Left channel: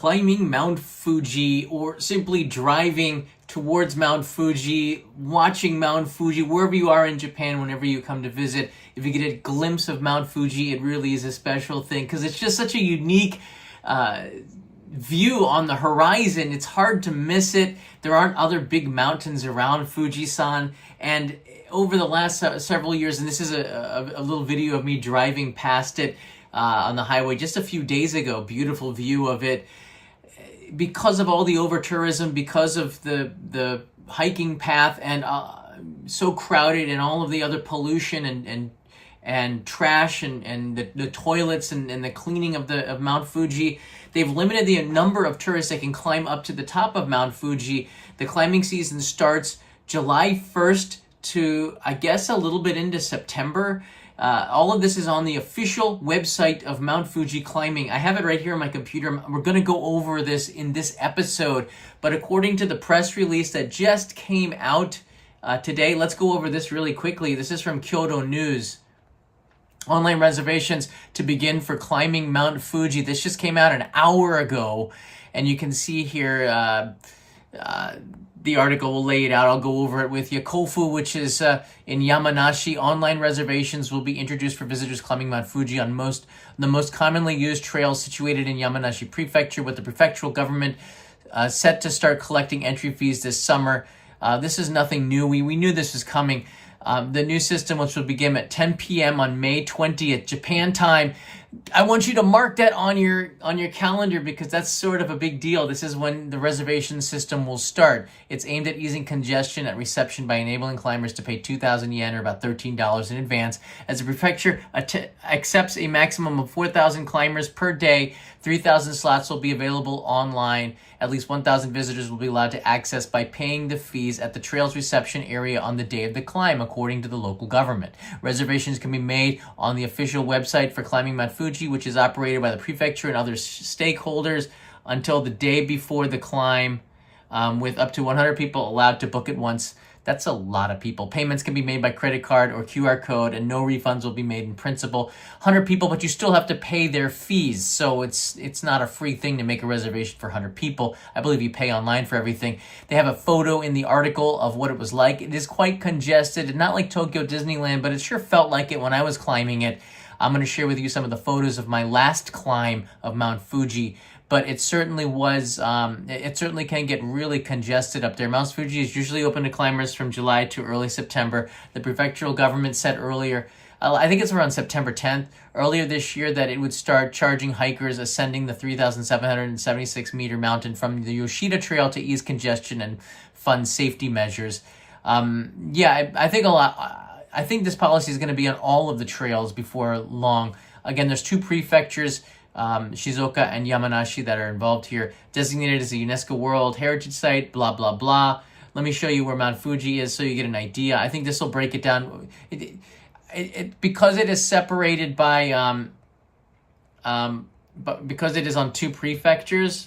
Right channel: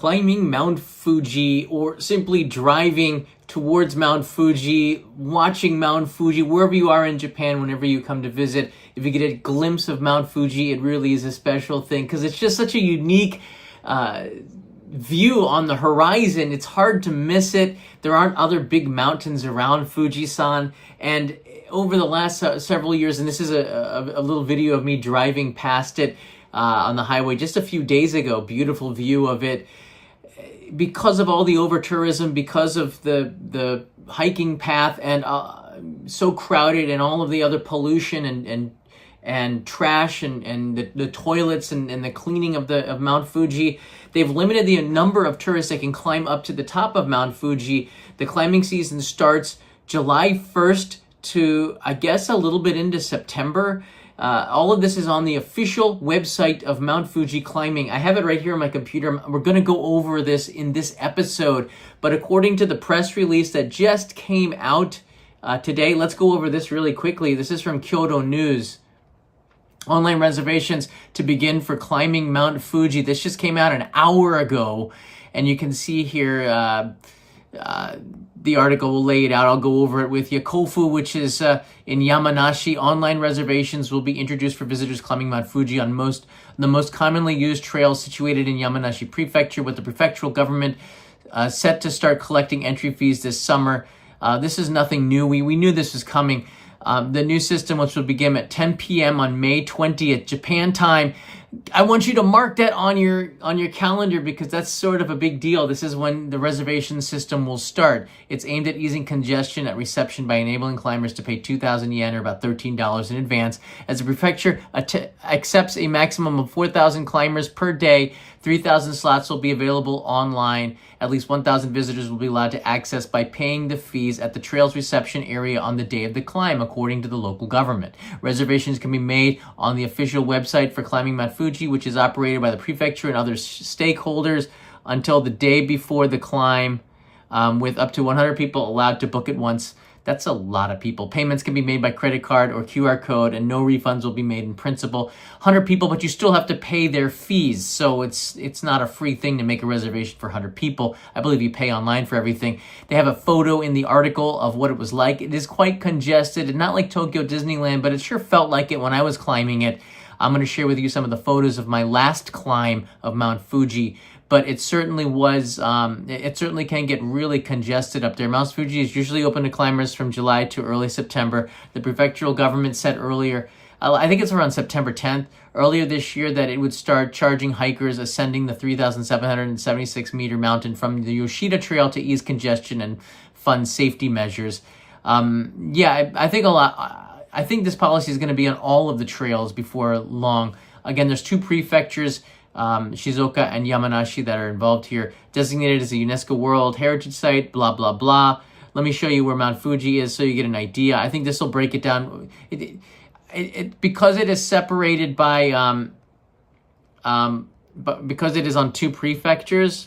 climbing Mount Fuji, or simply driving towards Mount Fuji, watching Mount Fuji, wherever you are in Japan, whenever you come to visit. If you get a glimpse of Mount Fuji, it really is a special thing because it's just such a unique view on the horizon. It's hard to miss it. There aren't other big mountains around Fuji-san. And over the last several years, and this is a little video of me driving past it on the highway just a few days ago, beautiful view of it. Because of all the over-tourism, because of the hiking path, and so crowded, and all of the other pollution and trash and the toilets and the cleaning of Mount Fuji, they've limited the number of tourists that can climb up to the top of Mount Fuji. The climbing season starts July 1st to, I guess, a little bit into September. All of this is on the official website of Mount Fuji Climbing. I have it right here on my computer. We're going to go over this in this episode. But according to the press release that just came out today, let's go over this really quickly. This is from Kyodo News. Online reservations to begin for climbing Mount Fuji. This just came out an hour ago. And you can see here the article will lay it out. I'll go over it with you. Kofu, which is in Yamanashi, online reservations will be introduced for visitors climbing Mount Fuji on the most commonly used trails situated in Yamanashi Prefecture, with the prefectural government set to start collecting entry fees this summer. This is nothing new. We knew this was coming. The new system, which will begin at 10 p.m. on May 20th, Japan time. I want you to mark that on your calendar because that's sort of a big deal. This is when the reservation system will start. It's aimed at easing congestion at reception by enabling climbers to pay 2,000 yen, or about $13 in advance. As the prefecture accepts a maximum of 4,000 climbers per day, 3,000 slots will be available online. At least 1,000 visitors will be allowed to access by paying the fees at the trail's reception area on the day of the climb, according to the local government. Reservations can be made on the official website for climbing Mount Fuji, which is operated by the prefecture and other stakeholders, until the day before the climb, with up to 100 people allowed to book at once. That's a lot of people. Payments can be made by credit card or QR code, and no refunds will be made in principal. 100 people, but you still have to pay their fees. So it's not a free thing to make a reservation for 100 people. I believe you pay online for everything. They have a photo in the article of what it was like. It is quite congested, not like Tokyo Disneyland, but it sure felt like it when I was climbing it. I'm going to share with you some of the photos of my last climb of Mount Fuji. But it certainly was, it certainly can get really congested up there. Mount Fuji is usually open to climbers from July to early September. The prefectural government said earlier, I think it's around September 10th, earlier this year, that it would start charging hikers ascending the 3,776 meter mountain from the Yoshida Trail to ease congestion and fund safety measures. I think this policy is going to be on all of the trails before long. Again, there's two prefectures, Shizuoka and Yamanashi, that are involved here, designated as a UNESCO World Heritage Site, blah, blah, blah. Let me show you where Mount Fuji is so you get an idea. I think this will break it down. Because it is separated by, because it is on two prefectures,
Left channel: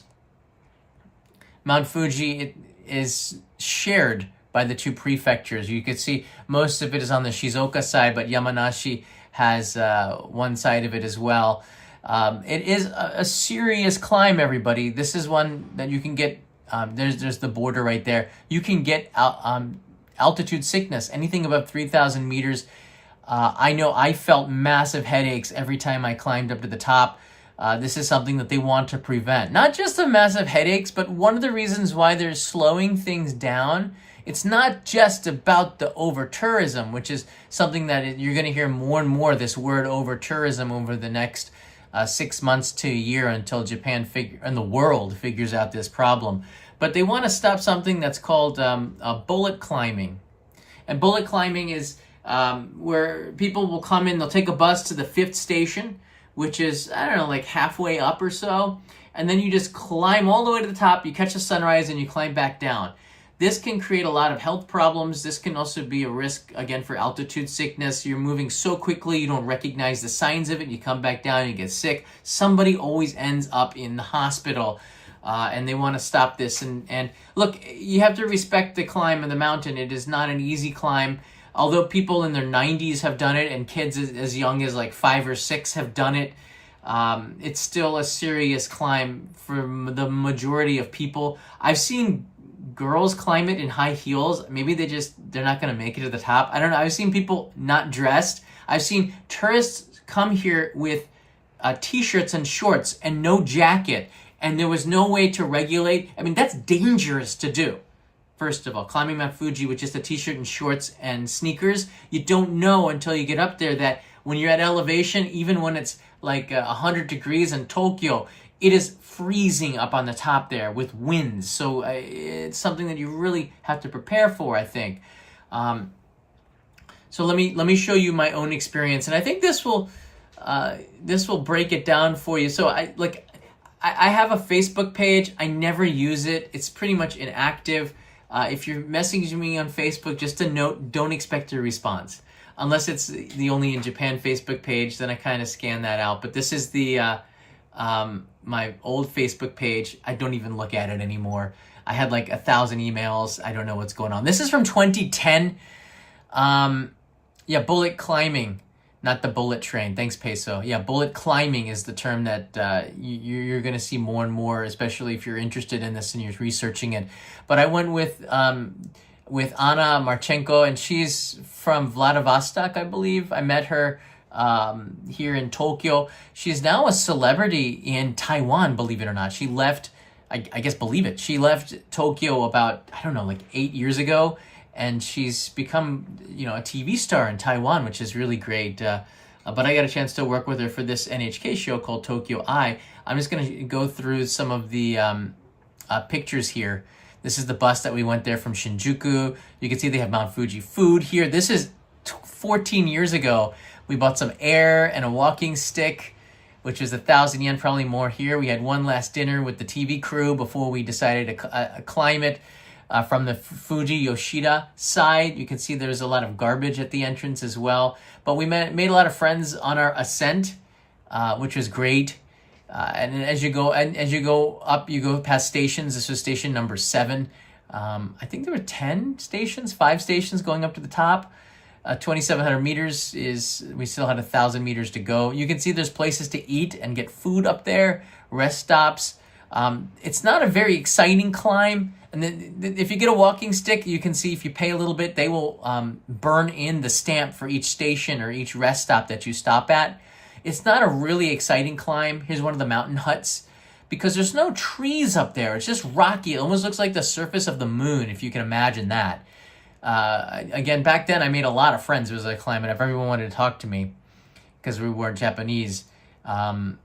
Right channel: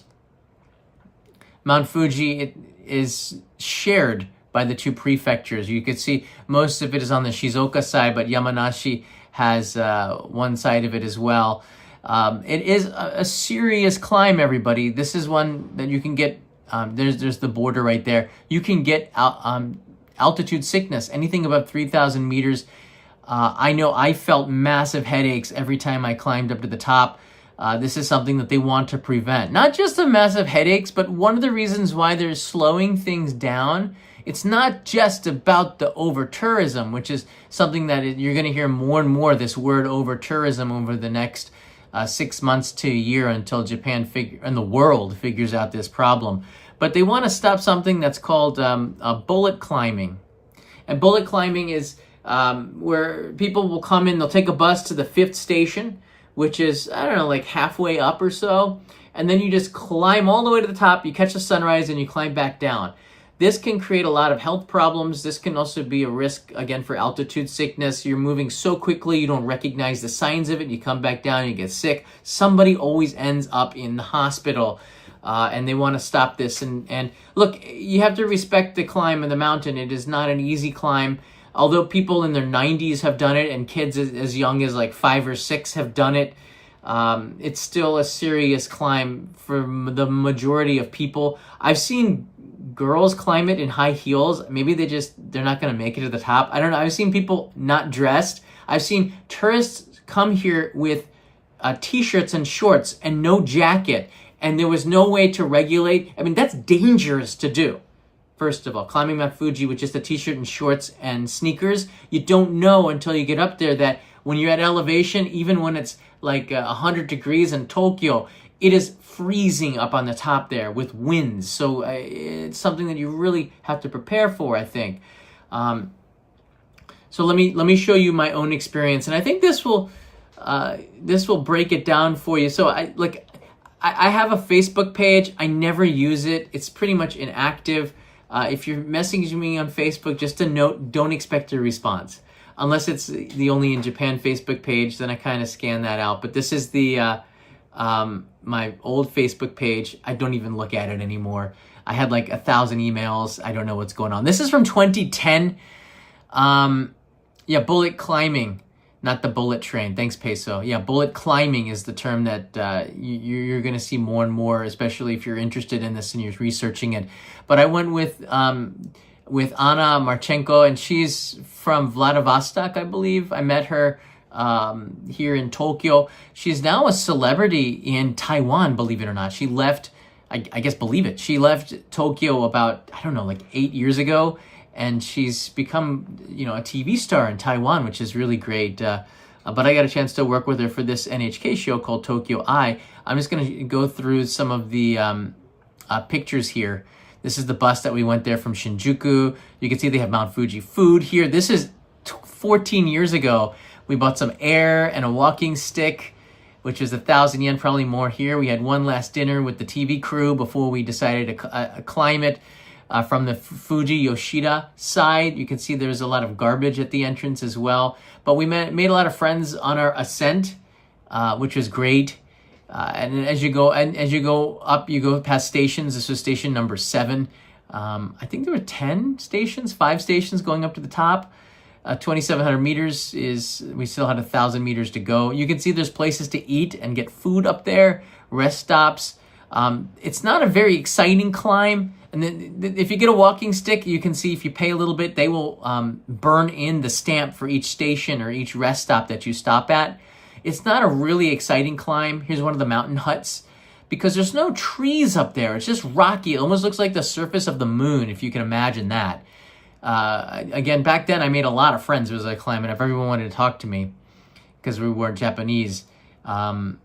Mount Fuji is shared by the two prefectures. You can see most of it is on the Shizuoka side, but Yamanashi has one side of it as well. It is a serious climb, everybody. This is one that you can get, there's the border right there. You can get altitude sickness, anything above 3,000 meters. I know I felt massive headaches every time I climbed up to the top. This is something that they want to prevent. Not just the massive headaches, but one of the reasons why they're slowing things down, it's not just about the over-tourism, which is something that you're going to hear more and more, this word over-tourism, over the next 6 months to a year, until Japan and the world figures out this problem. But they want to stop something that's called bullet climbing. And bullet climbing is where people will come in, they'll take a bus to the 5th station, which is, I don't know, like halfway up or so. And then you just climb all the way to the top, you catch the sunrise, and you climb back down. This can create a lot of health problems. This can also be a risk, again, for altitude sickness. You're moving so quickly, you don't recognize the signs of it. You come back down, you get sick. Somebody always ends up in the hospital, and they want to stop this. And look, you have to respect the climb of the mountain. It is not an easy climb. Although people in their 90s have done it, and kids as young as like 5 or 6 have done it, It's still a serious climb for the majority of people. I've seen girls climb it in high heels. Maybe they're not going to make it to the top. I don't know. I've seen people not dressed. I've seen tourists come here with t-shirts and shorts and no jacket, and there was no way to regulate. I mean, that's dangerous to do. First of all, climbing Mount Fuji with just a t-shirt and shorts and sneakers, you don't know until you get up there that when you're at elevation, even when it's like 100 degrees in Tokyo, it is freezing up on the top there with winds. So it's something that you really have to prepare for, I think. So let me show you my own experience, and I think this will break it down for you. So I have a Facebook page. I never use it. It's pretty much inactive. If you're messaging me on Facebook, just a note, don't expect a response. Unless it's the Only in Japan Facebook page, then I kind of scan that out. But this is the my old Facebook page. I don't even look at it anymore. I had like 1,000 emails. I don't know what's going on. This is from 2010. Yeah, bullet climbing, not the bullet train. Thanks, Peso. Yeah, bullet climbing is the term that you're going to see more and more, especially if you're interested in this and you're researching it. But I went with Anna Marchenko, and she's from Vladivostok, I believe. I met her here in Tokyo. She's now a celebrity in Taiwan, believe it or not. She left, I guess, believe it. She left Tokyo about, I don't know, like 8 years ago. And she's become, a TV star in Taiwan, which is really great. But I got a chance to work with her for this NHK show called Tokyo Eye. I'm just going to go through some of the pictures here. This is the bus that we went there from Shinjuku. You can see they have Mount Fuji food here. This is 14 years ago. We bought some air and a walking stick, which is 1,000 yen, probably more here. We had one last dinner with the TV crew before we decided to climb it. From the Fuji Yoshida side, you can see there's a lot of garbage at the entrance as well. But we made a lot of friends on our ascent, which was great. And as you go up, you go past stations. This was station number 7. I think there were 10 stations, 5 stations going up to the top. 2,700 meters we still had 1,000 meters to go. You can see there's places to eat and get food up there, rest stops. It's not a very exciting climb. And then if you get a walking stick, you can see if you pay a little bit, they will burn in the stamp for each station or each rest stop that you stop at. It's not a really exciting climb. Here's one of the mountain huts because there's no trees up there. It's just rocky. It almost looks like the surface of the moon, if you can imagine that. Again, back then I made a lot of friends as I climbed, and if everyone wanted to talk to me because we weren't Japanese. I'm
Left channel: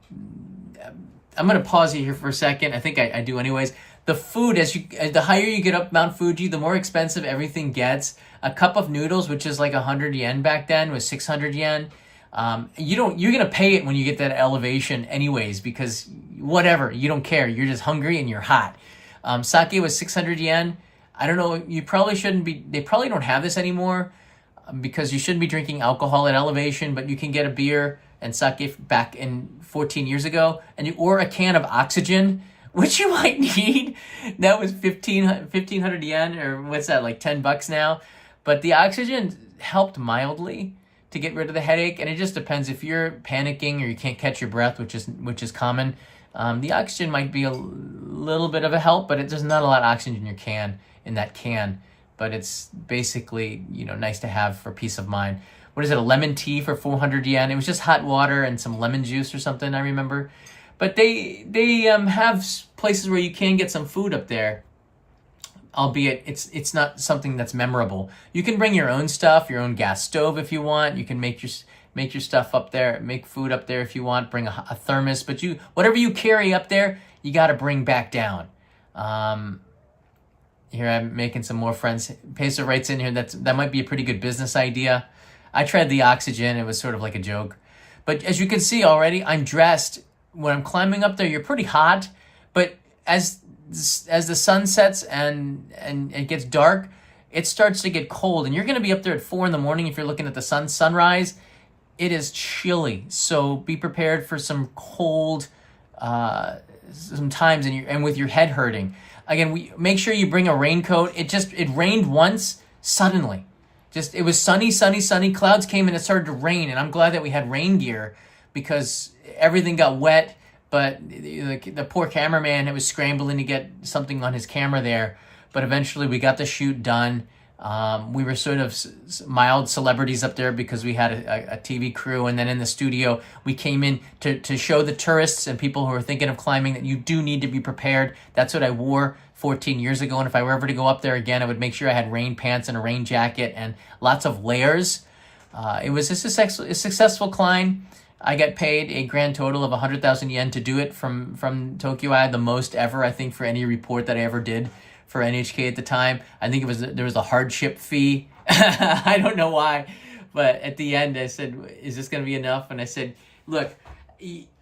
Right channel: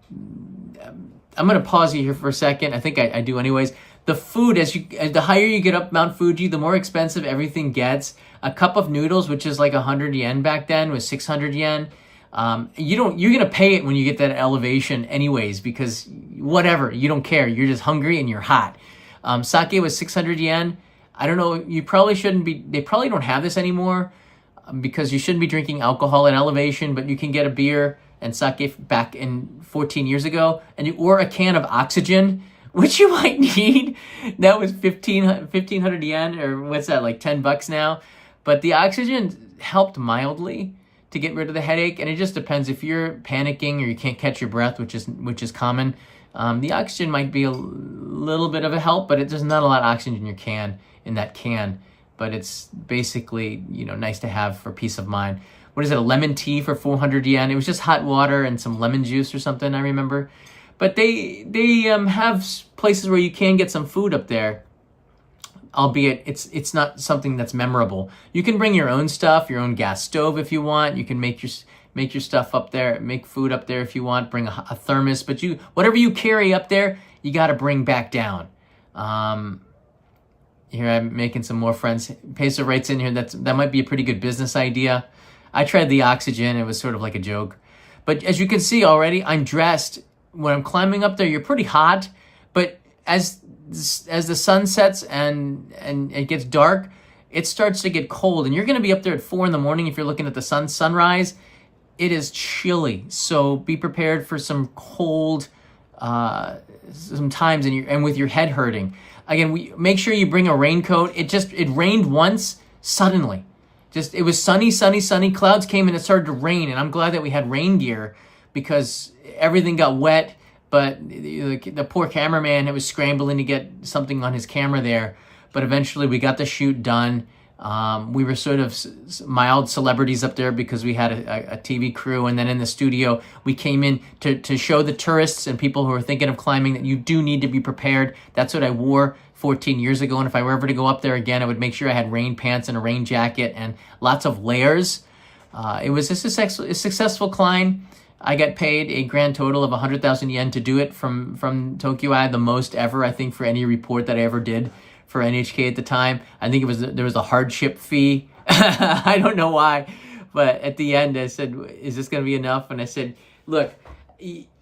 going to pause you here for a second. I think I do anyways. The food, the higher you get up Mount Fuji, the more expensive everything gets. A cup of noodles, which is like 100 yen back then, was 600 yen. You're going to pay it when you get that elevation anyways, because whatever, you don't care. You're just hungry and you're hot. Sake was 600 yen. I don't know, you probably shouldn't be, they probably don't have this anymore because you shouldn't be drinking alcohol at elevation, but you can get a beer and sake back in 14 years ago, or a can of oxygen, which you might need. That was 1,500 yen, or what's that, like $10 now? But the oxygen helped mildly to get rid of the headache, and it just depends if you're panicking or you can't catch your breath, which is common. The oxygen might be a little bit of a help, but there's not a lot of oxygen in that can. But it's basically, nice to have for peace of mind. What is it, a lemon tea for 400 yen? It was just hot water and some lemon juice or something, I remember. But they have places where you can get some food up there, albeit it's not something that's memorable. You can bring your own stuff, your own gas stove if you want. You can make your stuff up there, make food up there if you want. Bring a thermos, but whatever you carry up there, you got to bring back down. Here I'm making some more friends. Peso writes in here that might be a pretty good business idea. I tried the oxygen; it was sort of like a joke. But as you can see already, I'm dressed. When I'm climbing up there, you're pretty hot, but as the sun sets and it gets dark, it starts to get cold, and you're going to be up there at 4 a.m. if you're looking at the sunrise. It is chilly, so be prepared for some cold sometimes, and with your head hurting. Again, make sure you bring a raincoat. It rained once suddenly. It was sunny. Clouds came and it started to rain, and I'm glad that we had rain gear because everything got wet, but the poor cameraman was scrambling to get something on his camera there. But eventually we got the shoot done. We were sort of mild celebrities up there because we had a TV crew. And then in the studio, we came in to show the tourists and people who are thinking of climbing that you do need to be prepared. That's what I wore 14 years ago. And if I were ever to go up there again, I would make sure I had rain pants and a rain jacket and lots of layers. It was a successful climb. I got paid a grand total of 100,000 yen to do it from Tokyo. I had the most ever, I think, for any report that I ever did for NHK at the time. I think there was a hardship fee. I don't know why, but at the end I said, is this going to be enough? And I said, look,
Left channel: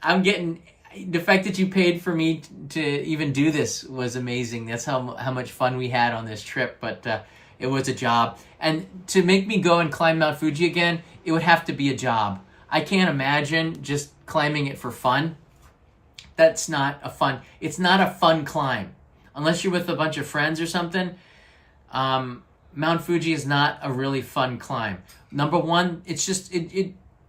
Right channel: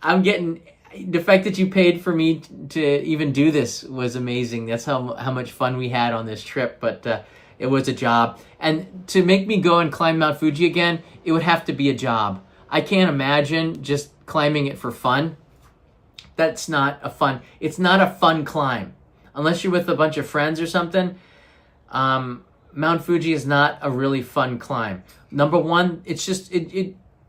I'm getting, the fact that you paid for me to even do this was amazing. That's how much fun we had on this trip, but it was a job. And to make me go and climb Mount Fuji again, it would have to be a job. I can't imagine just climbing it for fun. It's not a fun climb. Unless you're with a bunch of friends or something, Mount Fuji is not a really fun climb. Number one, it's just,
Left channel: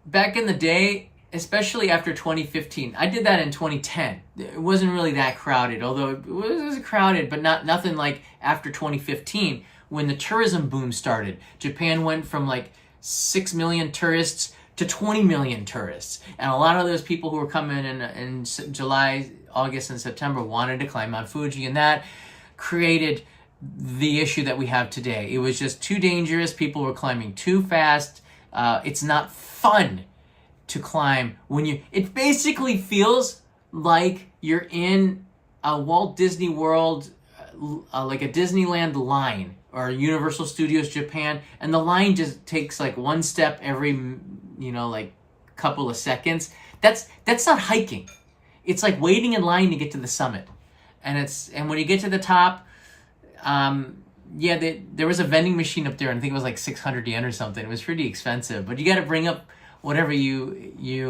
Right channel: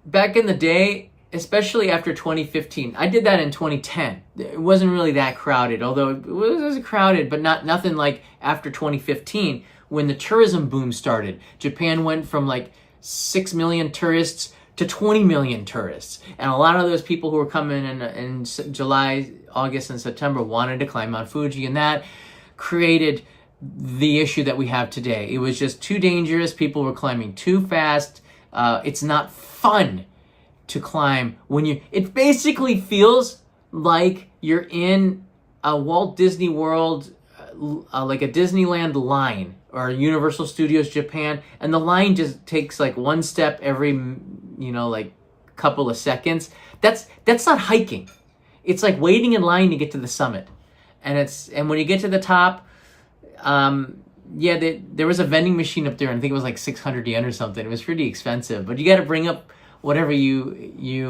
back in the day, especially after 2015, I did that in 2010. It wasn't really that crowded, although it was crowded, but nothing like after 2015 when the tourism boom started. Japan went from like 6 million tourists to 20 million tourists. And a lot of those people who were coming in July, August, and September wanted to climb Mount Fuji, and that created the issue that we have today. It was just too dangerous. People were climbing too fast. It's not fun to climb when it basically feels like you're in a Walt Disney World, like a Disneyland line or Universal Studios Japan, and the line just takes like one step every, like couple of seconds. That's not hiking. It's like waiting in line to get to the summit. And when you get to the top, there was a vending machine up there, and I think it was like 600 yen or something. It was pretty expensive, but you got to bring up whatever they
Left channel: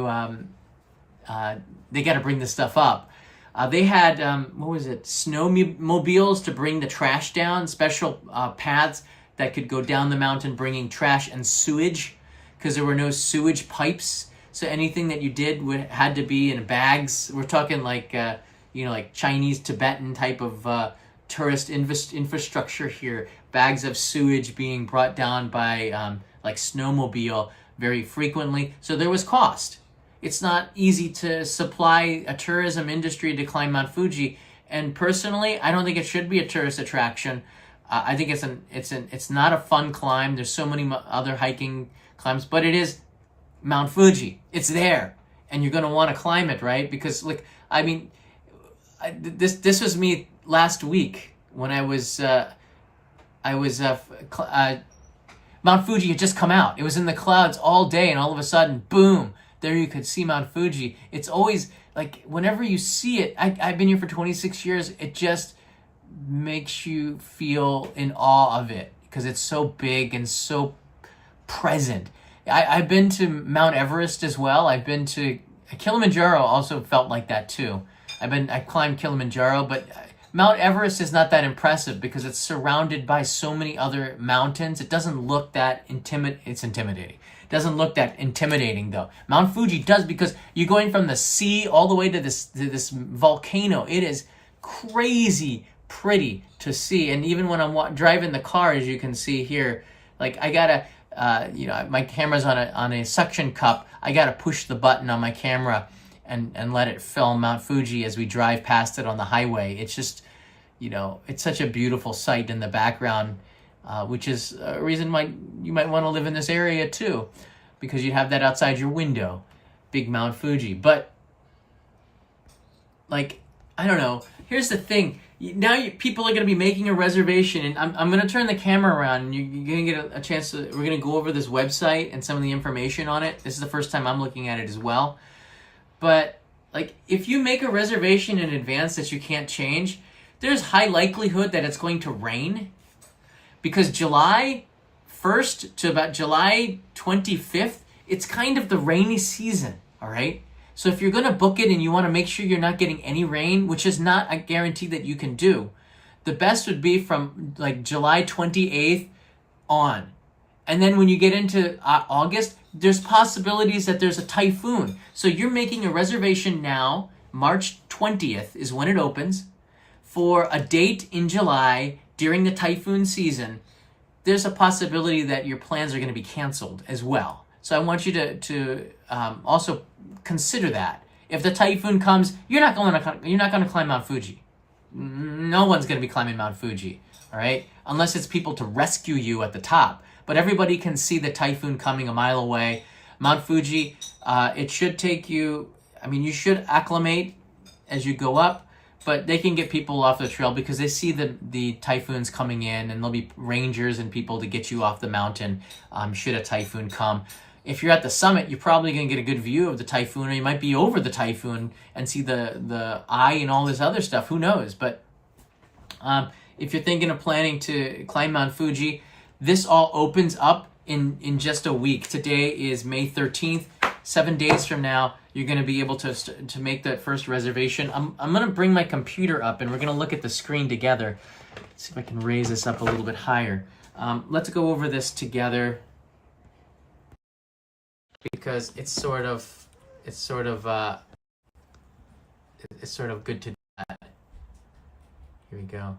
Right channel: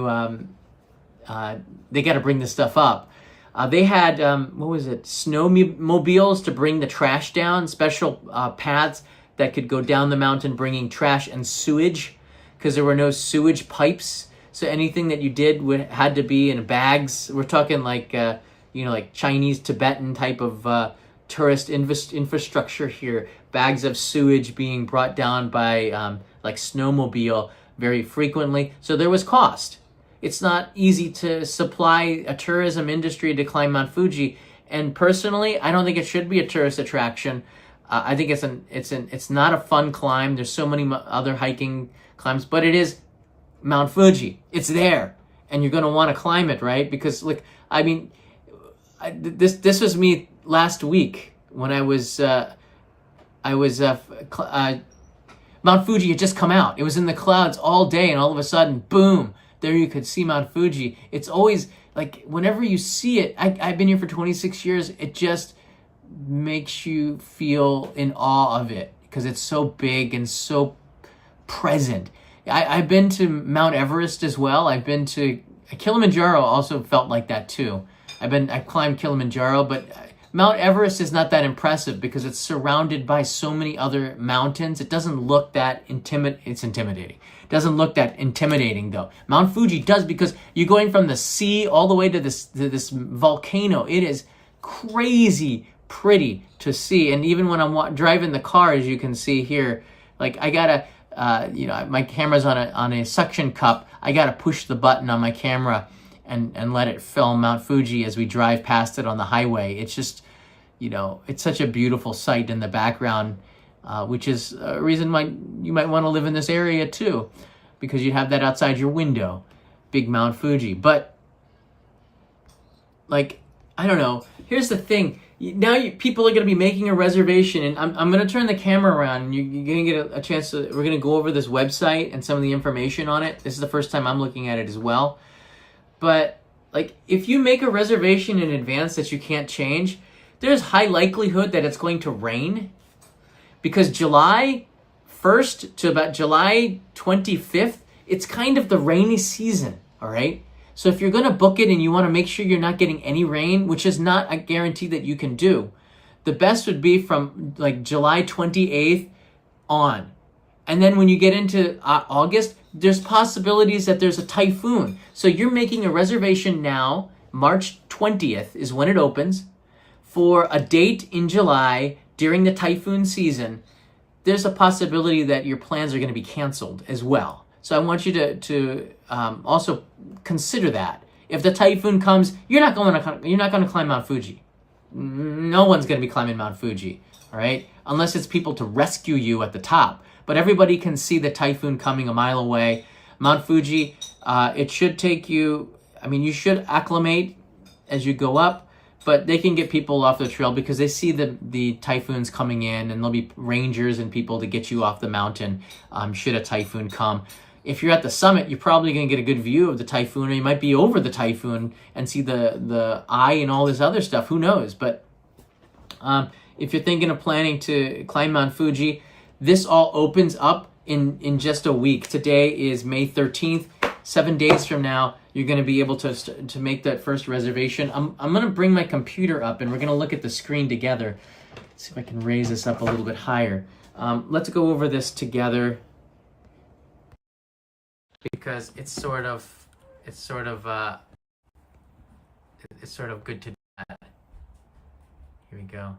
got to bring this stuff up. They had, snowmobiles to bring the trash down, special paths that could go down the mountain bringing trash and sewage, because there were no sewage pipes. So anything that you did had to be in bags. We're talking like, like Chinese, Tibetan type of tourist infrastructure here. Bags of sewage being brought down by like snowmobile very frequently. So there was cost. It's not easy to supply a tourism industry to climb Mount Fuji. And personally, I don't think it should be a tourist attraction. I think it's not a fun climb. There's so many other hiking climbs, but it is Mount Fuji. It's there, and you're going to want to climb it, right? Because this was me last week when Mount Fuji had just come out. It was in the clouds all day, and all of a sudden, boom, there you could see Mount Fuji. It's always like whenever you see it, I've been here for 26 years, it just makes you feel in awe of it because it's so big and so present. I've been to Mount Everest as well. I've been to Kilimanjaro, also felt like that too. I climbed Kilimanjaro, but Mount Everest is not that impressive because it's surrounded by so many other mountains. It doesn't look that it's intimidating. It doesn't look that intimidating though. Mount Fuji does because you're going from the sea all the way to this volcano. It is crazy pretty to see. And even when I'm driving the car, as you can see here, like I gotta, my camera's on a suction cup. I gotta push the button on my camera and let it film Mount Fuji as we drive past it on the highway. It's just, it's such a beautiful sight in the background, which is a reason why you might want to live in this area too, because you have that outside your window, big Mount Fuji. But like, I don't know. Here's the thing. Now people are going to be making a reservation, and I'm going to turn the camera around, and you're going to get a chance to, we're going to go over this website and some of the information on it. This is the first time I'm looking at it as well. But like, if you make a reservation in advance that you can't change, there's high likelihood that it's going to rain, because July 1st to about July 25th, it's kind of the rainy season, all right? So if you're going to book it and you want to make sure you're not getting any rain, which is not a guarantee that you can do, the best would be from like July 28th on. And then when you get into August, there's possibilities that there's a typhoon. So you're making a reservation now. March 20th is when it opens for a date in July during the typhoon season. There's a possibility that your plans are going to be canceled as well. So I want you to also consider that. If the typhoon comes, you're not going to climb Mount Fuji. No one's going to be climbing Mount Fuji, all right? Unless it's people to rescue you at the top. But everybody can see the typhoon coming a mile away. Mount Fuji, it should take you, you should acclimate as you go up, but they can get people off the trail because they see the typhoons coming in, and there'll be rangers and people to get you off the mountain should a typhoon come. If you're at the summit, you're probably going to get a good view of the typhoon, or you might be over the typhoon and see the eye and all this other stuff. Who knows? But if you're thinking of planning to climb Mount Fuji, this all opens up in just a week. Today is May 13th. 7 days from now, you're going to be able to make that first reservation. I'm going to bring my computer up, and we're going to look at the screen together. Let's see if I can raise this up a little bit higher. Let's go over this together, because it's sort of good to do that. Here we go.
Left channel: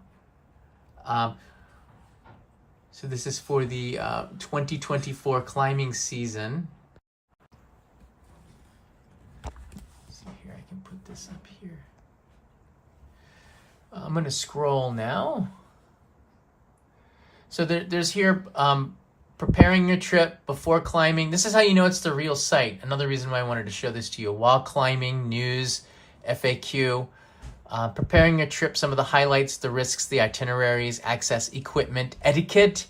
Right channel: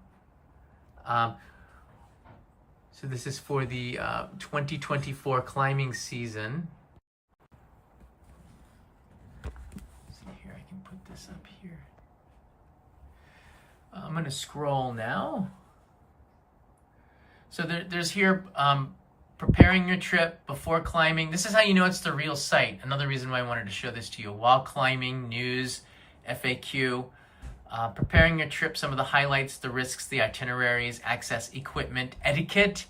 So this is for the 2024 climbing season. Let's see here, I can put this up here. I'm going to scroll now. So there's here preparing your trip before climbing. This is how you know it's the real site. Another reason why I wanted to show this to you. While climbing, news, FAQ. Preparing your trip, some of the highlights, the risks, the itineraries, access, equipment, etiquette,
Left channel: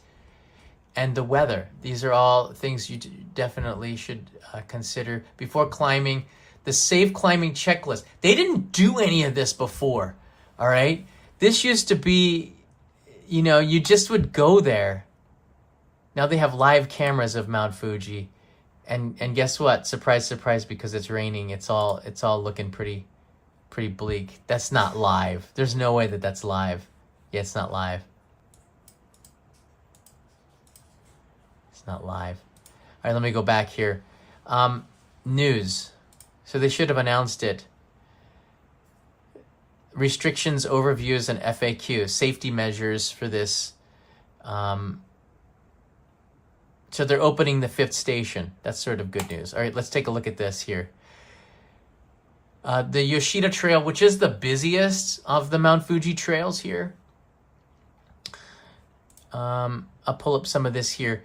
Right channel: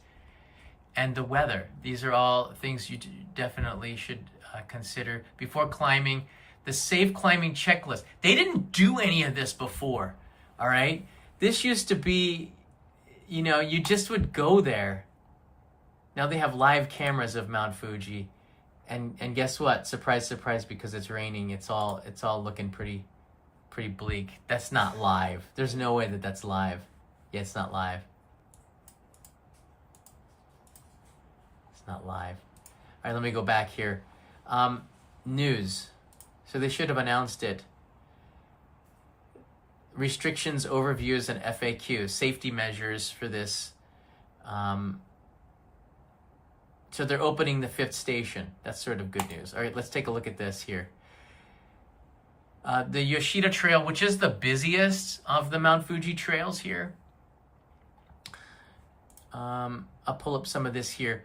and the weather. These are all things you definitely should consider before climbing. The safe climbing checklist. They didn't do any of this before, all right? This used to be, you just would go there. Now they have live cameras of Mount Fuji. And guess what? Surprise, surprise, because it's raining, it's all looking pretty bleak. That's not live. There's no way that that's live. Yeah, it's not live. It's not live. All right, let me go back here. News. So they should have announced it. Restrictions, overviews, and FAQ. Safety measures for this. So they're opening the 5th station. That's sort of good news. All right, let's take a look at this here. The Yoshida Trail, which is the busiest of the Mount Fuji trails here. I'll pull up some of this here.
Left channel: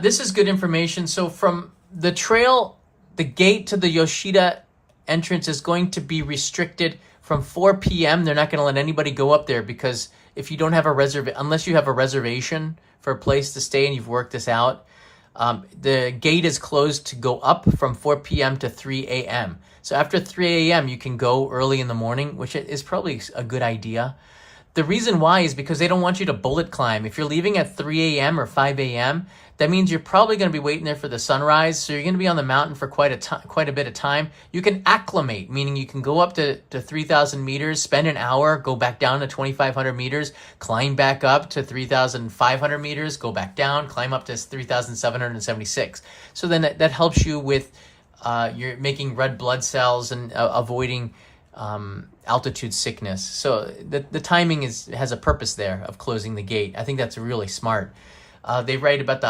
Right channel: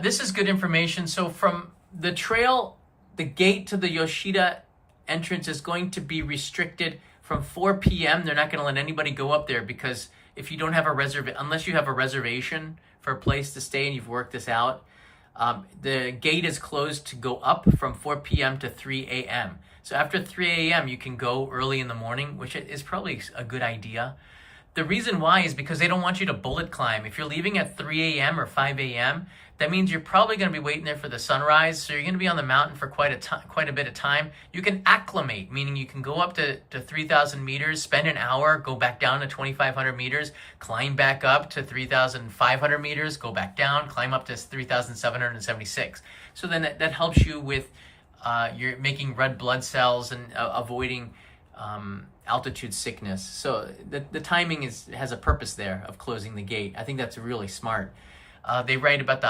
This is good information. So from the trail, the gate to the Yoshida entrance is going to be restricted from 4 p.m. They're not going to let anybody go up there, because if you don't have a unless you have a reservation for a place to stay and you've worked this out, the gate is closed to go up from 4 p.m. to 3 a.m. So after 3 a.m., you can go early in the morning, which is probably a good idea. The reason why is because they don't want you to bullet climb. If you're leaving at 3 a.m. or 5 a.m., that means you're probably going to be waiting there for the sunrise. So you're going to be on the mountain for quite a bit of time. You can acclimate, meaning you can go up to 3,000 meters, spend an hour, go back down to 2,500 meters, climb back up to 3,500 meters, go back down, climb up to 3,776. So then that helps you with you're making red blood cells and avoiding altitude sickness. So the timing has a purpose there of closing the gate. I think that's really smart. They write about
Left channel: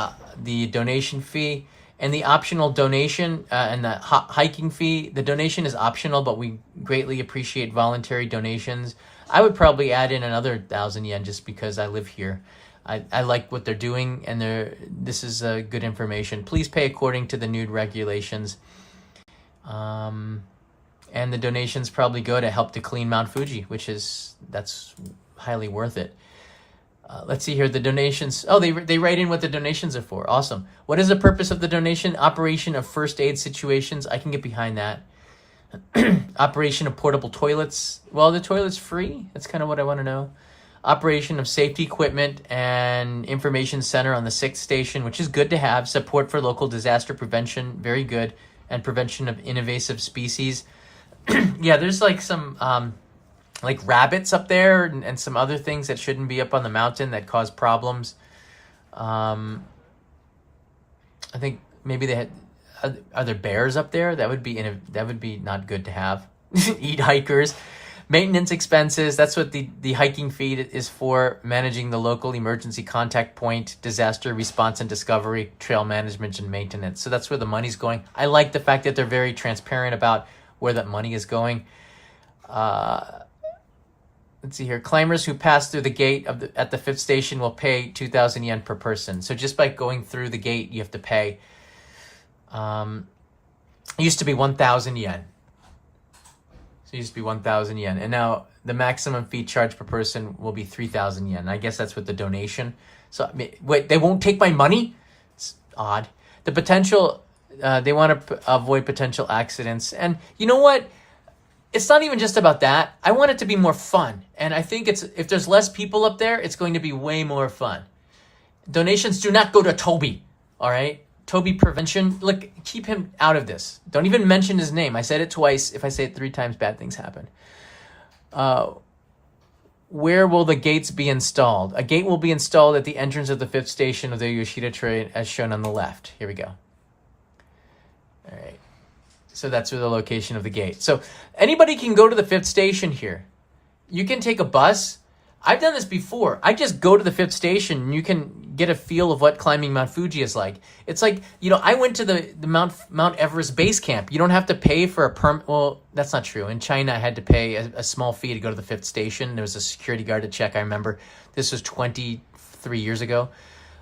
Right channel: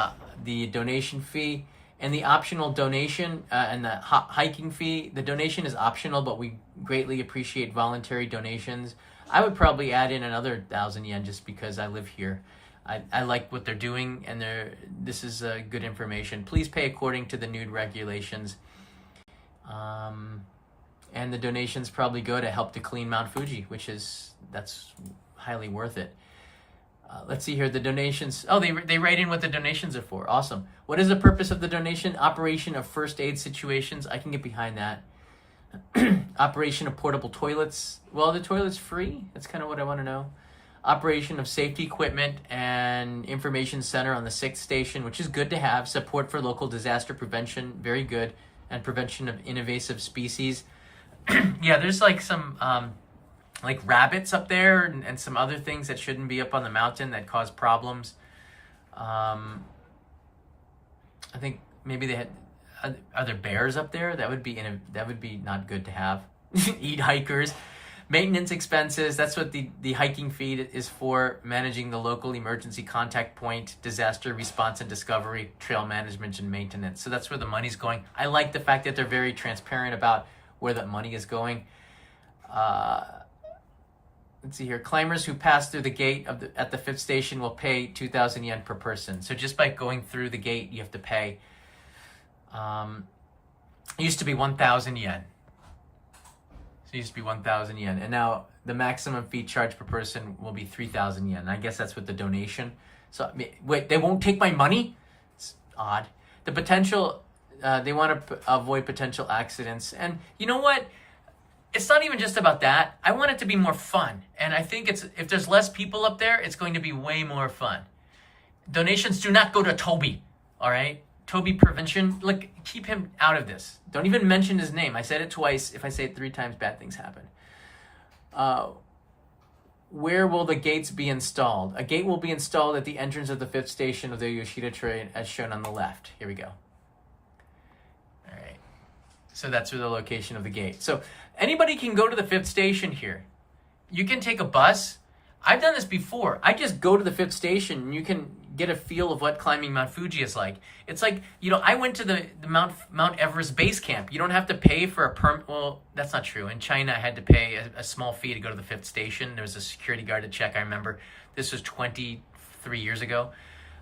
the donation fee and the optional donation and the hiking fee. The donation is optional, but we greatly appreciate voluntary donations. I would probably add in another 1,000 yen just because I live here. I like what they're doing, and this is good information. Please pay according to the new regulations. And the donations probably go to help to clean Mount Fuji, that's highly worth it. Let's see here, the donations. Oh, they write in what the donations are for. Awesome. What is the purpose of the donation? Operation of first aid situations. I can get behind that. Operation of portable toilets. Well, the toilet's free. That's kind of what I want to know. Operation of safety equipment and information center on the 6th station, which is good to have. Support for local disaster prevention. Very good. And prevention of invasive species. Yeah, there's like some like rabbits up there and some other things that shouldn't be up on the mountain that cause problems. I think maybe they had, are there bears up there? That would be not good to have. Eat hikers. Maintenance expenses, that's what the hiking fee is for, managing the local emergency contact point, disaster response and discovery, trail management and maintenance. So that's where the money's going. I like the fact that they're very transparent about where that money is going. Let's see here. Climbers who pass through the gate at the 5th station will pay 2,000 yen per person. So just by going through the gate, you have to pay. It used to be 1,000 yen. It used to be 1,000 yen, and now the maximum fee charged per person will be 3,000 yen. I guess that's with the donation. So wait, they won't take my money? It's odd. The potential, they want to avoid potential accidents, and you know what? It's not even just about that. I want it to be more fun, and I think if there's less people up there, it's going to be way more fun. Donations do not go to Toby, all right? Toby Prevention, look, keep him out of this. Don't even mention his name. I said it twice. If I say it 3 times, bad things happen. Where will the gates be installed? A gate will be installed at the entrance of the 5th station of the Yoshida Train, as shown on the left. Here we go. All right. So that's where the location of the gate. So anybody can go to the 5th station here. You can take a bus. I've done this before. I just go to the 5th station, and you can get a feel of what climbing Mount Fuji is like. It's like, I went to the Mount Everest base camp. You don't have to pay for a permit. Well, that's not true. In China, I had to pay a small fee to go to the 5th station. There was a security guard to check. I remember this was 23 years ago.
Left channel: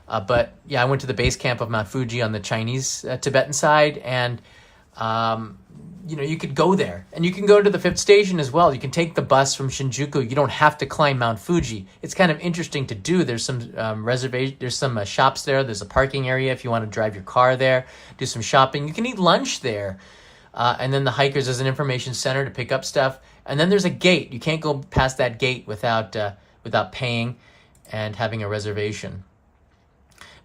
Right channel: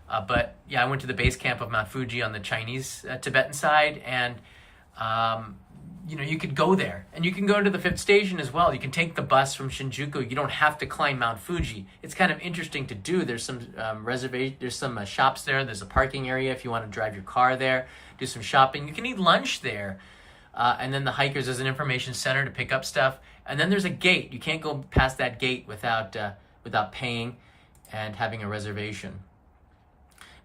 But yeah, I went to the base camp of Mount Fuji on the Chinese Tibetan side, and you could go there, and you can go to the 5th station as well. You can take the bus from Shinjuku. You don't have to climb Mount Fuji. It's kind of interesting to do. There's some reservation. There's some shops there. There's a parking area if you want to drive your car there, do some shopping. You can eat lunch there, and then the hikers, there's an information center to pick up stuff, and then there's a gate. You can't go past that gate without paying and having a reservation.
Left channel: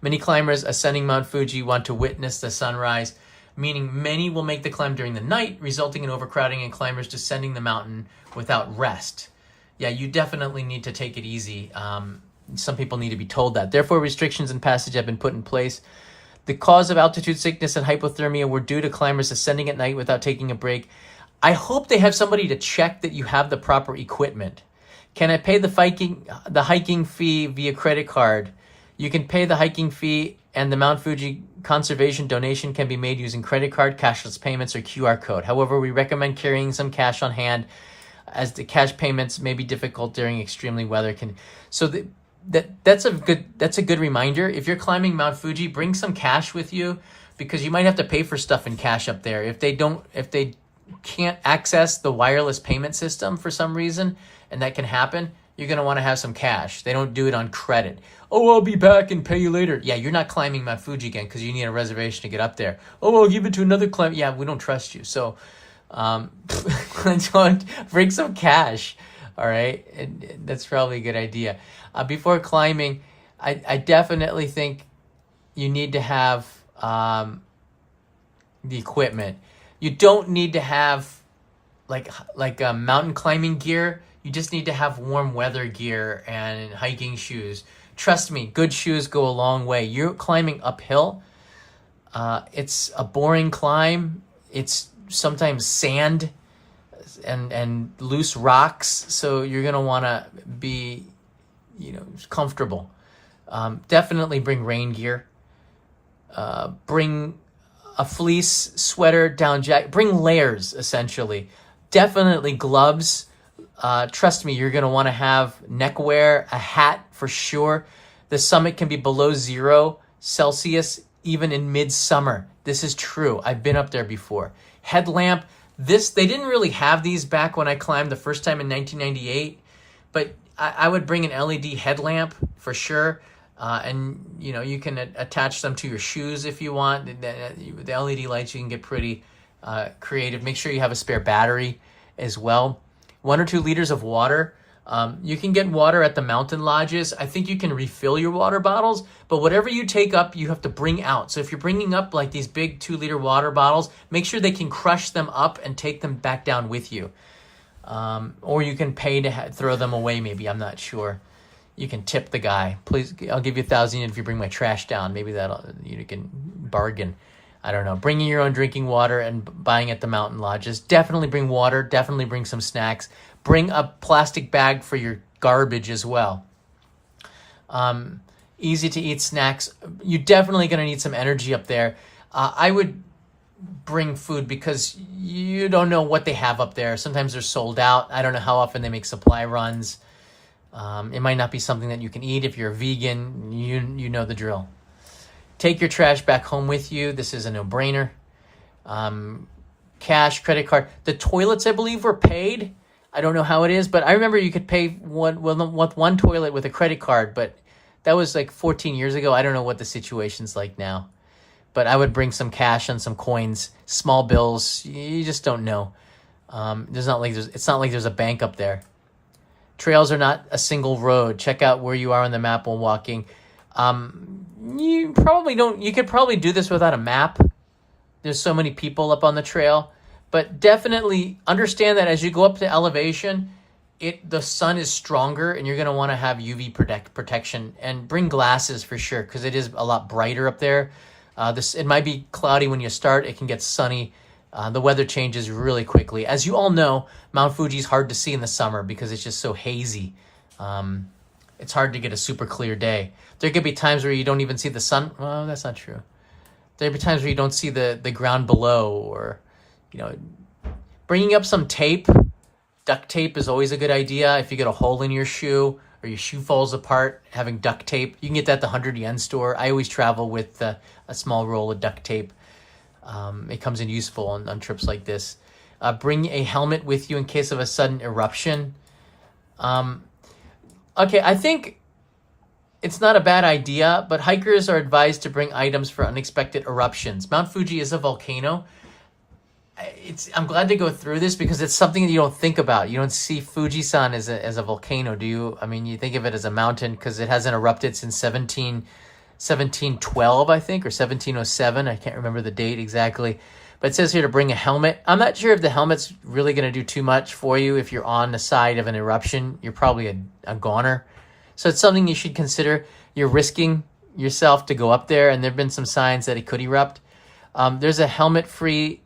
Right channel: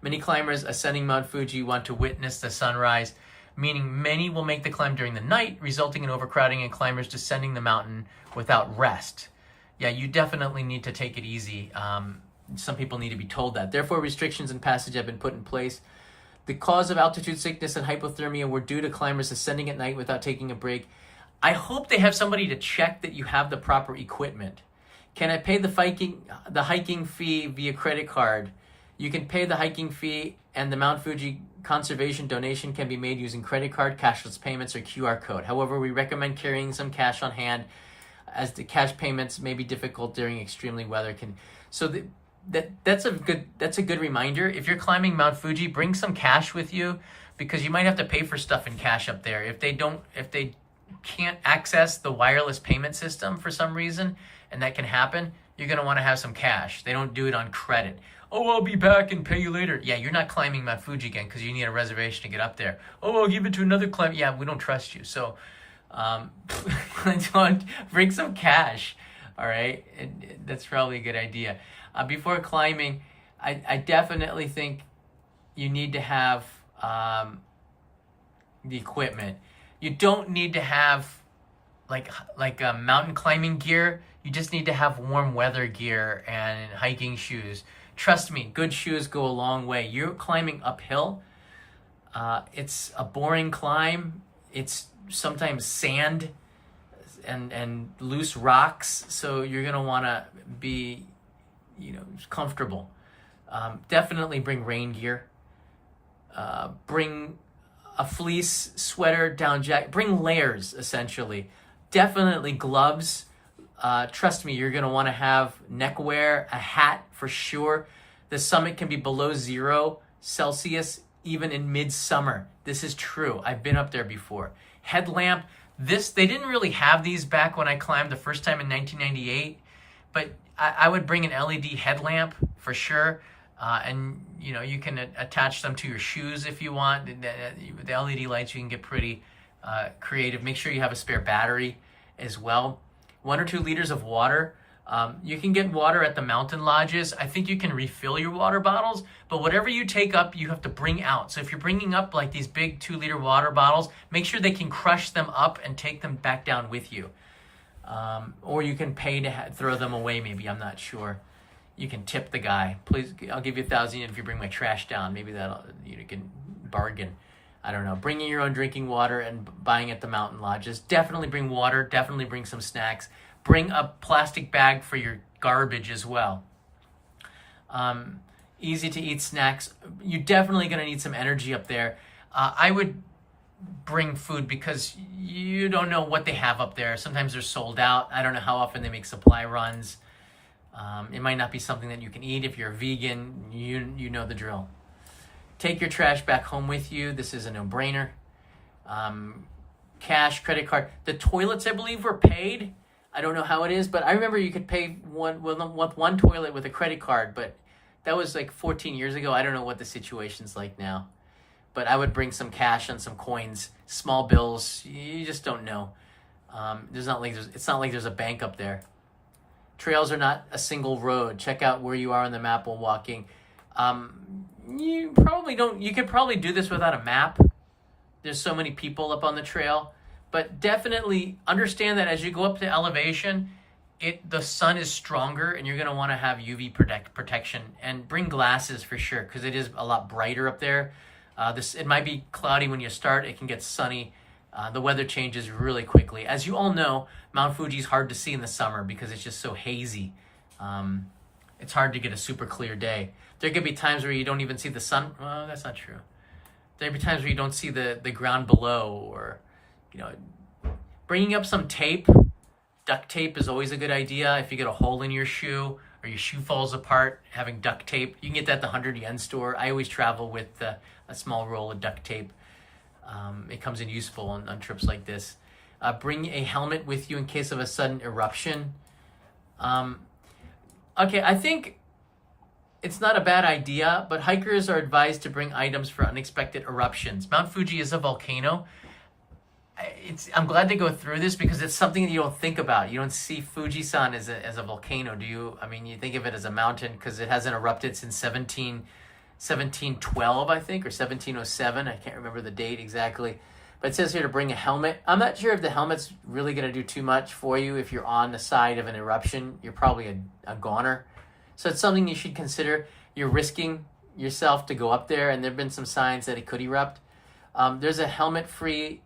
Many climbers ascending Mount Fuji want to witness the sunrise, meaning many will make the climb during the night, resulting in overcrowding and climbers descending the mountain without rest. Yeah, you definitely need to take it easy. Some people need to be told that. Therefore, restrictions in passage have been put in place. The cause of altitude sickness and hypothermia were due to climbers ascending at night without taking a break. I hope they have somebody to check that you have the proper equipment. Can I pay the hiking fee via credit card? You can pay the hiking fee, and the Mount Fuji conservation donation can be made using credit card, cashless payments, or QR code. However, we recommend carrying some cash on hand, as the cash payments may be difficult during extremely weather. That's a good reminder. If you're climbing Mount Fuji, bring some cash with you, because you might have to pay for stuff in cash up there. If they can't access the wireless payment system for some reason, and that can happen, you're going to want to have some cash. They don't do it on credit. Oh, I'll be back and pay you later. Yeah, you're not climbing Mount Fuji again because you need a reservation to get up there. Oh, I'll give it to another climb. Yeah, we don't trust you. So bring some cash, all right? And that's probably a good idea. Before climbing, I definitely think you need to have the equipment. You don't need to have like mountain climbing gear. You just need to have warm weather gear and hiking shoes. Trust me, good shoes go a long way. You're climbing uphill. It's a boring climb. It's sometimes sand and loose rocks, so you're gonna want to be, comfortable. Definitely bring rain gear. Bring a fleece, sweater, down jacket. Bring layers, essentially. Definitely gloves. Trust me, you're going to want to have neckwear, a hat for sure. The summit can be below 0 Celsius even in midsummer. This is true. I've been up there before. Headlamp. They didn't really have these back when I climbed the first time in 1998, but I would bring an LED headlamp for sure. And you can attach them to your shoes if you want. The LED lights, you can get pretty creative. Make sure you have a spare battery as well. 1 or 2 liters of water. You can get water at the mountain lodges. I think you can refill your water bottles, but whatever you take up, you have to bring out. So if you're bringing up like these big 2-liter water bottles, make sure they can crush them up and take them back down with you. Or you can pay to throw them away maybe, I'm not sure. You can tip the guy. Please, I'll give you 1,000 if you bring my trash down. Maybe you can bargain. I don't know, bringing your own drinking water and buying at the mountain lodges. Definitely bring water, definitely bring some snacks. Bring a plastic bag for your garbage as well. Easy to eat snacks. You're definitely going to need some energy up there. I would bring food because you don't know what they have up there. Sometimes they're sold out. I don't know how often they make supply runs. It might not be something that you can eat. If you're a vegan, you know the drill. Take your trash back home with you. This is a no-brainer. Cash, credit card. The toilets, I believe, were paid. I don't know how it is, but I remember you could pay one toilet with a credit card, but that was like 14 years ago. I don't know what the situation's like now. But I would bring some cash and some coins, small bills. You just don't know. It's not like there's a bank up there. Trails are not a single road. Check out where you are on the map while walking. You could probably do this without a map. There's so many people up on the trail. But definitely understand that as you go up to elevation, the sun is stronger and you're going to want to have UV protection. And bring glasses for sure, because it is a lot brighter up there. It might be cloudy when you start. It can get sunny. The weather changes really quickly. As you all know, Mount Fuji is hard to see in the summer because it's just so hazy. It's hard to get a super clear day. There could be times where you don't even see the sun. Well, that's not true. There'll be times where you don't see the ground below, or, bringing up some tape. Duct tape is always a good idea. If you get a hole in your shoe or your shoe falls apart, having duct tape, you can get that at the 100 yen store. I always travel with a small roll of duct tape. It comes in useful on trips like this. Bring a helmet with you in case of a sudden eruption. Okay, I think it's not a bad idea, but hikers are advised to bring items for unexpected eruptions. Mount Fuji is a volcano. I'm glad to go through this because it's something that you don't think about. You don't see Fuji-san as a volcano, do you? I mean, you think of it as a mountain because it hasn't erupted since 1712, I think, or 1707. I can't remember the date exactly. But it says here to bring a helmet. I'm not sure if the helmet's really going to do too much for you. If you're on the side of an eruption, you're probably a goner. So it's something you should consider. You're risking yourself to go up there, and there have been some signs that it could erupt. There's a helmet-free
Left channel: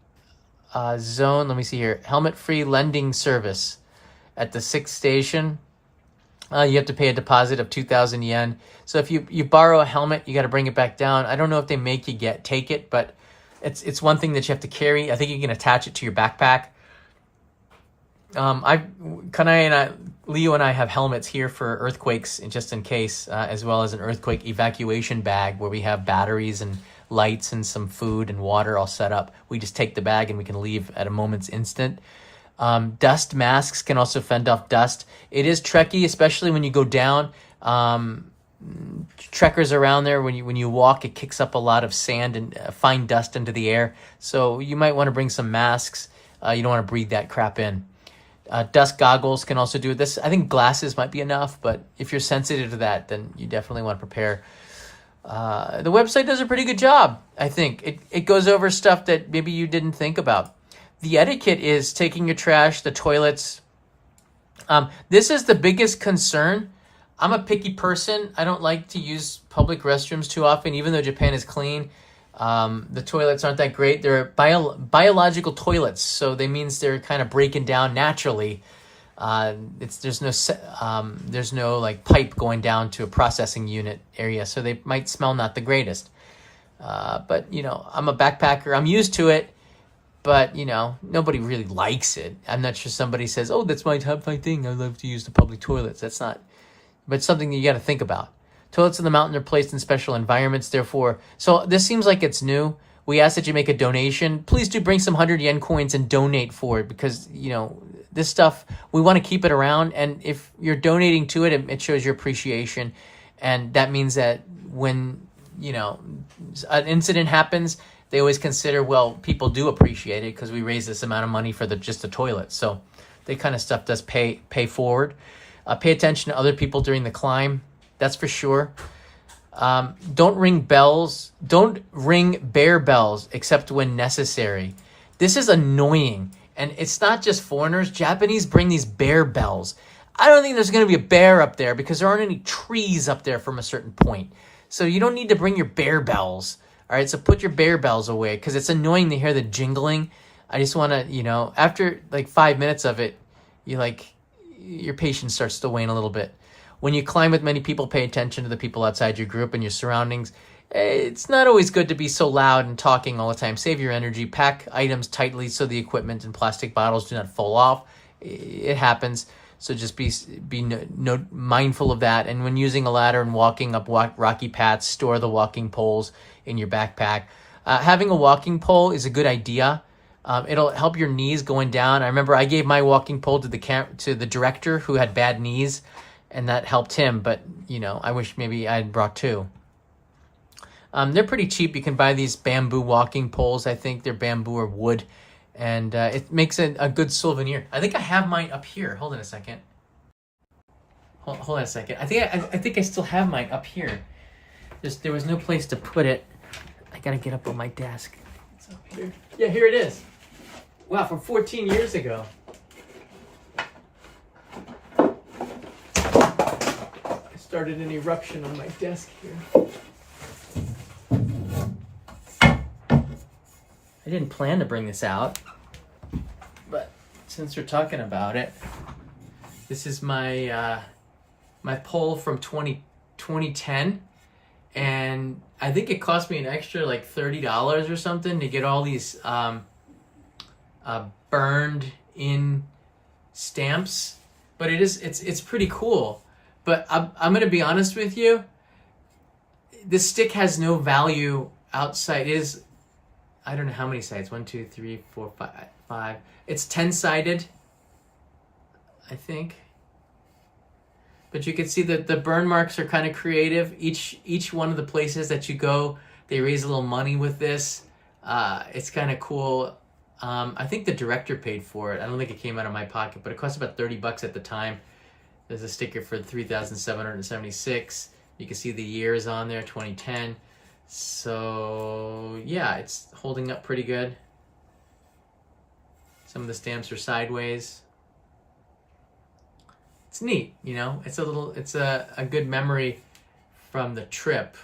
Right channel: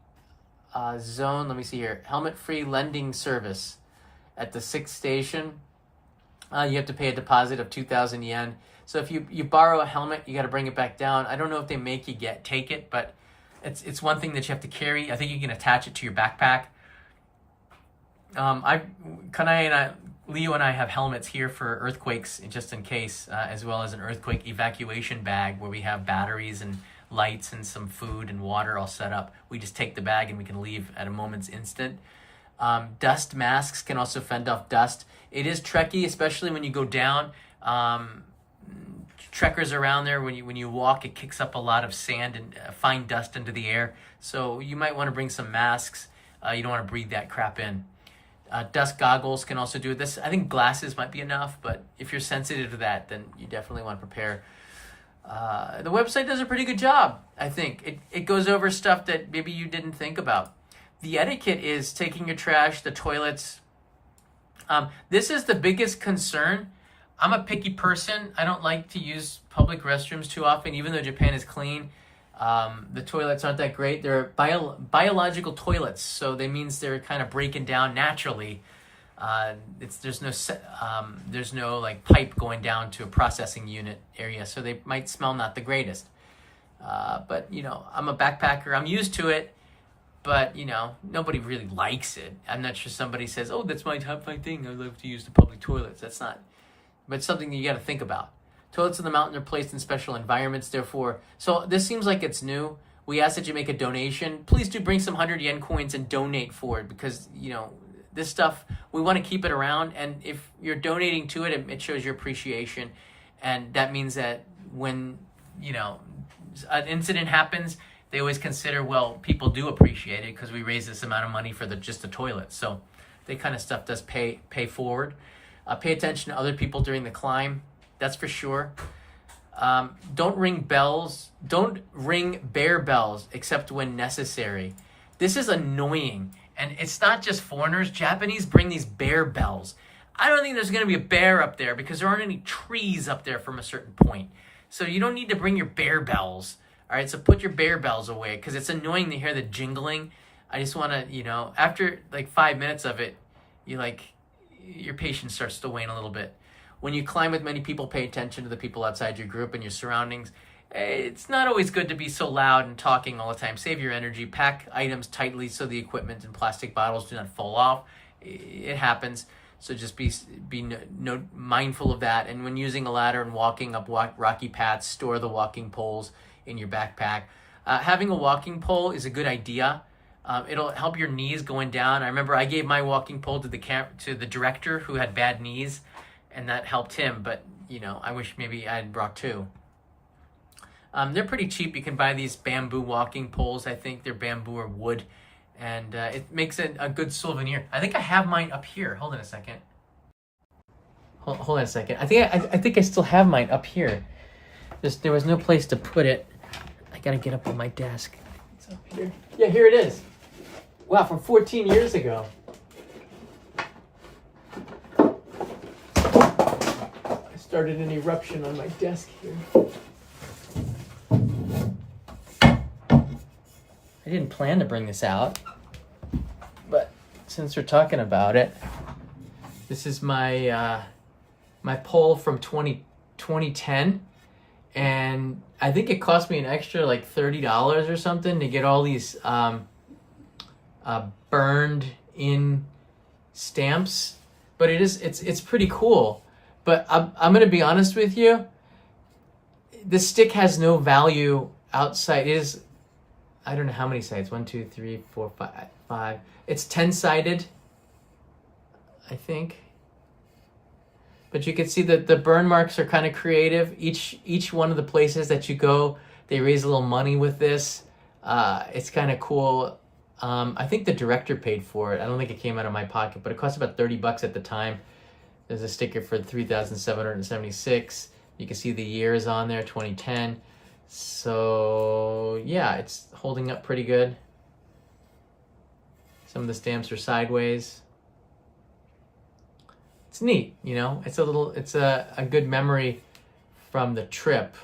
zone. Let me see here. Helmet-free lending service at the 6th station. You have to pay a deposit of 2,000 yen. So if you borrow a helmet, you got to bring it back down. I don't know if they make you take it, but it's one thing that you have to carry. I think you can attach it to your backpack. Leo and I have helmets here for earthquakes, just in case, as well as an earthquake evacuation bag where we have batteries and lights and some food and water all set up. We just take the bag and we can leave at a moment's instant. Dust masks can also fend off dust. It is trecky, especially when you go down. Trekkers around there, when you walk, it kicks up a lot of sand and fine dust into the air. So you might want to bring some masks. You don't want to breathe that crap in. Dust goggles can also do this. I think glasses might be enough, but if you're sensitive to that, then you definitely want to prepare. The website does a pretty good job, I think. It goes over stuff that maybe you didn't think about. The etiquette is taking your trash, the toilets. This is the biggest concern. I'm a picky person. I don't like to use public restrooms too often, even though Japan is clean. The toilets aren't that great. They're biological toilets, so that means they're kind of breaking down naturally. There's no like pipe going down to a processing unit area, so they might smell not the greatest. But I'm a backpacker. I'm used to it, but nobody really likes it. I'm not sure somebody says, "Oh, that's my top 5 thing. I love to use the public toilets." That's not, but it's something that you got to think about. Toilets in the mountain are placed in special environments, therefore. So this seems like it's new. We ask that you make a donation. Please do bring some 100 yen coins and donate for it because, this stuff, we want to keep it around. And if you're donating to it, it shows your appreciation. And that means that when, an incident happens, they always consider, well, people do appreciate it because we raise this amount of money for just the toilet. So that kind of stuff does pay forward. Pay attention to other people during the climb. That's for sure. Don't ring bells. Don't ring bear bells except when necessary. This is annoying. And it's not just foreigners. Japanese bring these bear bells. I don't think there's going to be a bear up there because there aren't any trees up there from a certain point. So you don't need to bring your bear bells. All right, so put your bear bells away because it's annoying to hear the jingling. I just want to, you know, after like 5 minutes of it, your patience starts to wane a little bit. When you climb with many people, pay attention to the people outside your group and your surroundings. It's not always good to be so loud and talking all the time. Save your energy. Pack items tightly so the equipment and plastic bottles do not fall off. It happens. So just be mindful of that. And when using a ladder and walking up rocky paths, store the walking poles in your backpack. Having a walking pole is a good idea. It'll help your knees going down. I remember I gave my walking pole to the director who had bad knees, and that helped him. But you know, I wish maybe I had brought two. They're pretty cheap. You can buy these bamboo walking poles. I think they're bamboo or wood. And it makes a good souvenir. I think I have mine up here. Hold on a second. Hold on a second. I think I still have mine up here. There was no place to put it. I gotta get up on my desk. It's up here. Yeah, here it is. Wow, from 14 years ago. I started an eruption on my desk here. I didn't plan to bring this out, but since we're talking about it, this is my my pole from 2010, and I think it cost me an extra like $30 or something to get all these burned in stamps. But it's pretty cool. But I'm gonna be honest with you, this stick has no value outside. It is, I don't know how many sides. 1, 2, 3, 4, 5. It's 10-sided, I think. But you can see that the burn marks are kind of creative. Each one of the places that you go, they raise a little money with this. It's kind of cool. I think the director paid for it. I don't think it came out of my pocket, but it cost about $30 at the time. There's a sticker for 3,776. You can see the years on there, 2010. So yeah, it's holding up pretty good. Some of the stamps are sideways. It's neat, you know. It's a good memory from the trip.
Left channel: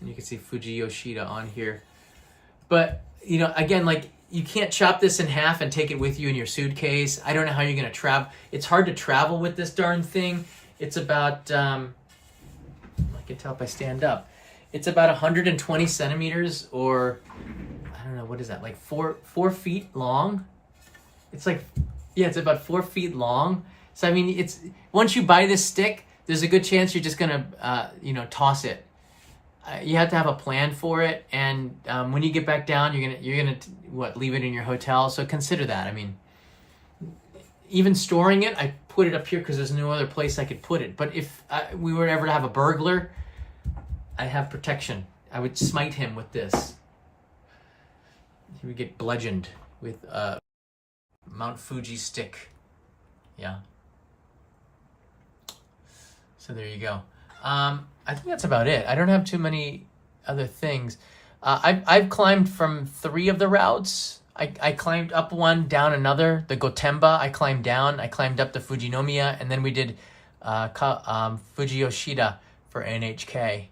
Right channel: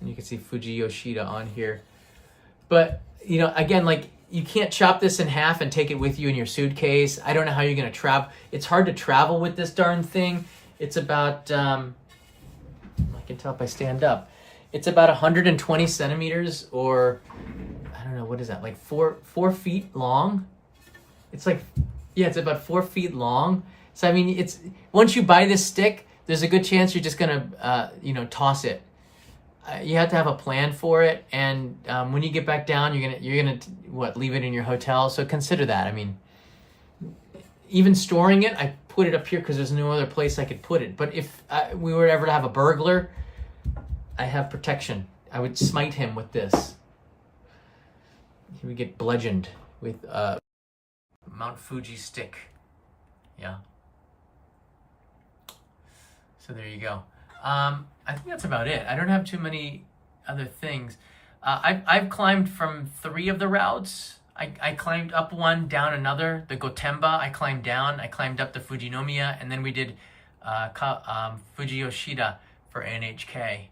And you can see Fuji Yoshida on here. But you know, again, like, you can't chop this in half and take it with you in your suitcase. I don't know how you're gonna travel. It's hard to travel with this darn thing. It's about I can tell if I stand up. It's about 120 centimeters, or I don't know, what is that, like 4 feet long? It's like, yeah, it's about 4 feet long. So I mean, it's, once you buy this stick, there's a good chance you're just gonna toss it. You have to have a plan for it, and when you get back down, you're gonna leave it in your hotel. So consider that. I mean, even storing it, I put it up here because there's no other place I could put it. But if we were ever to have a burglar, I have protection. I would smite him with this. He would get bludgeoned with a Mount Fuji stick. Yeah. So there you go. I think that's about it. I don't have too many other things. I've climbed from 3 of the routes. I climbed up one, down another. The Gotemba, I climbed down. I climbed up the Fujinomiya, and then we did Fuji Yoshida for NHK.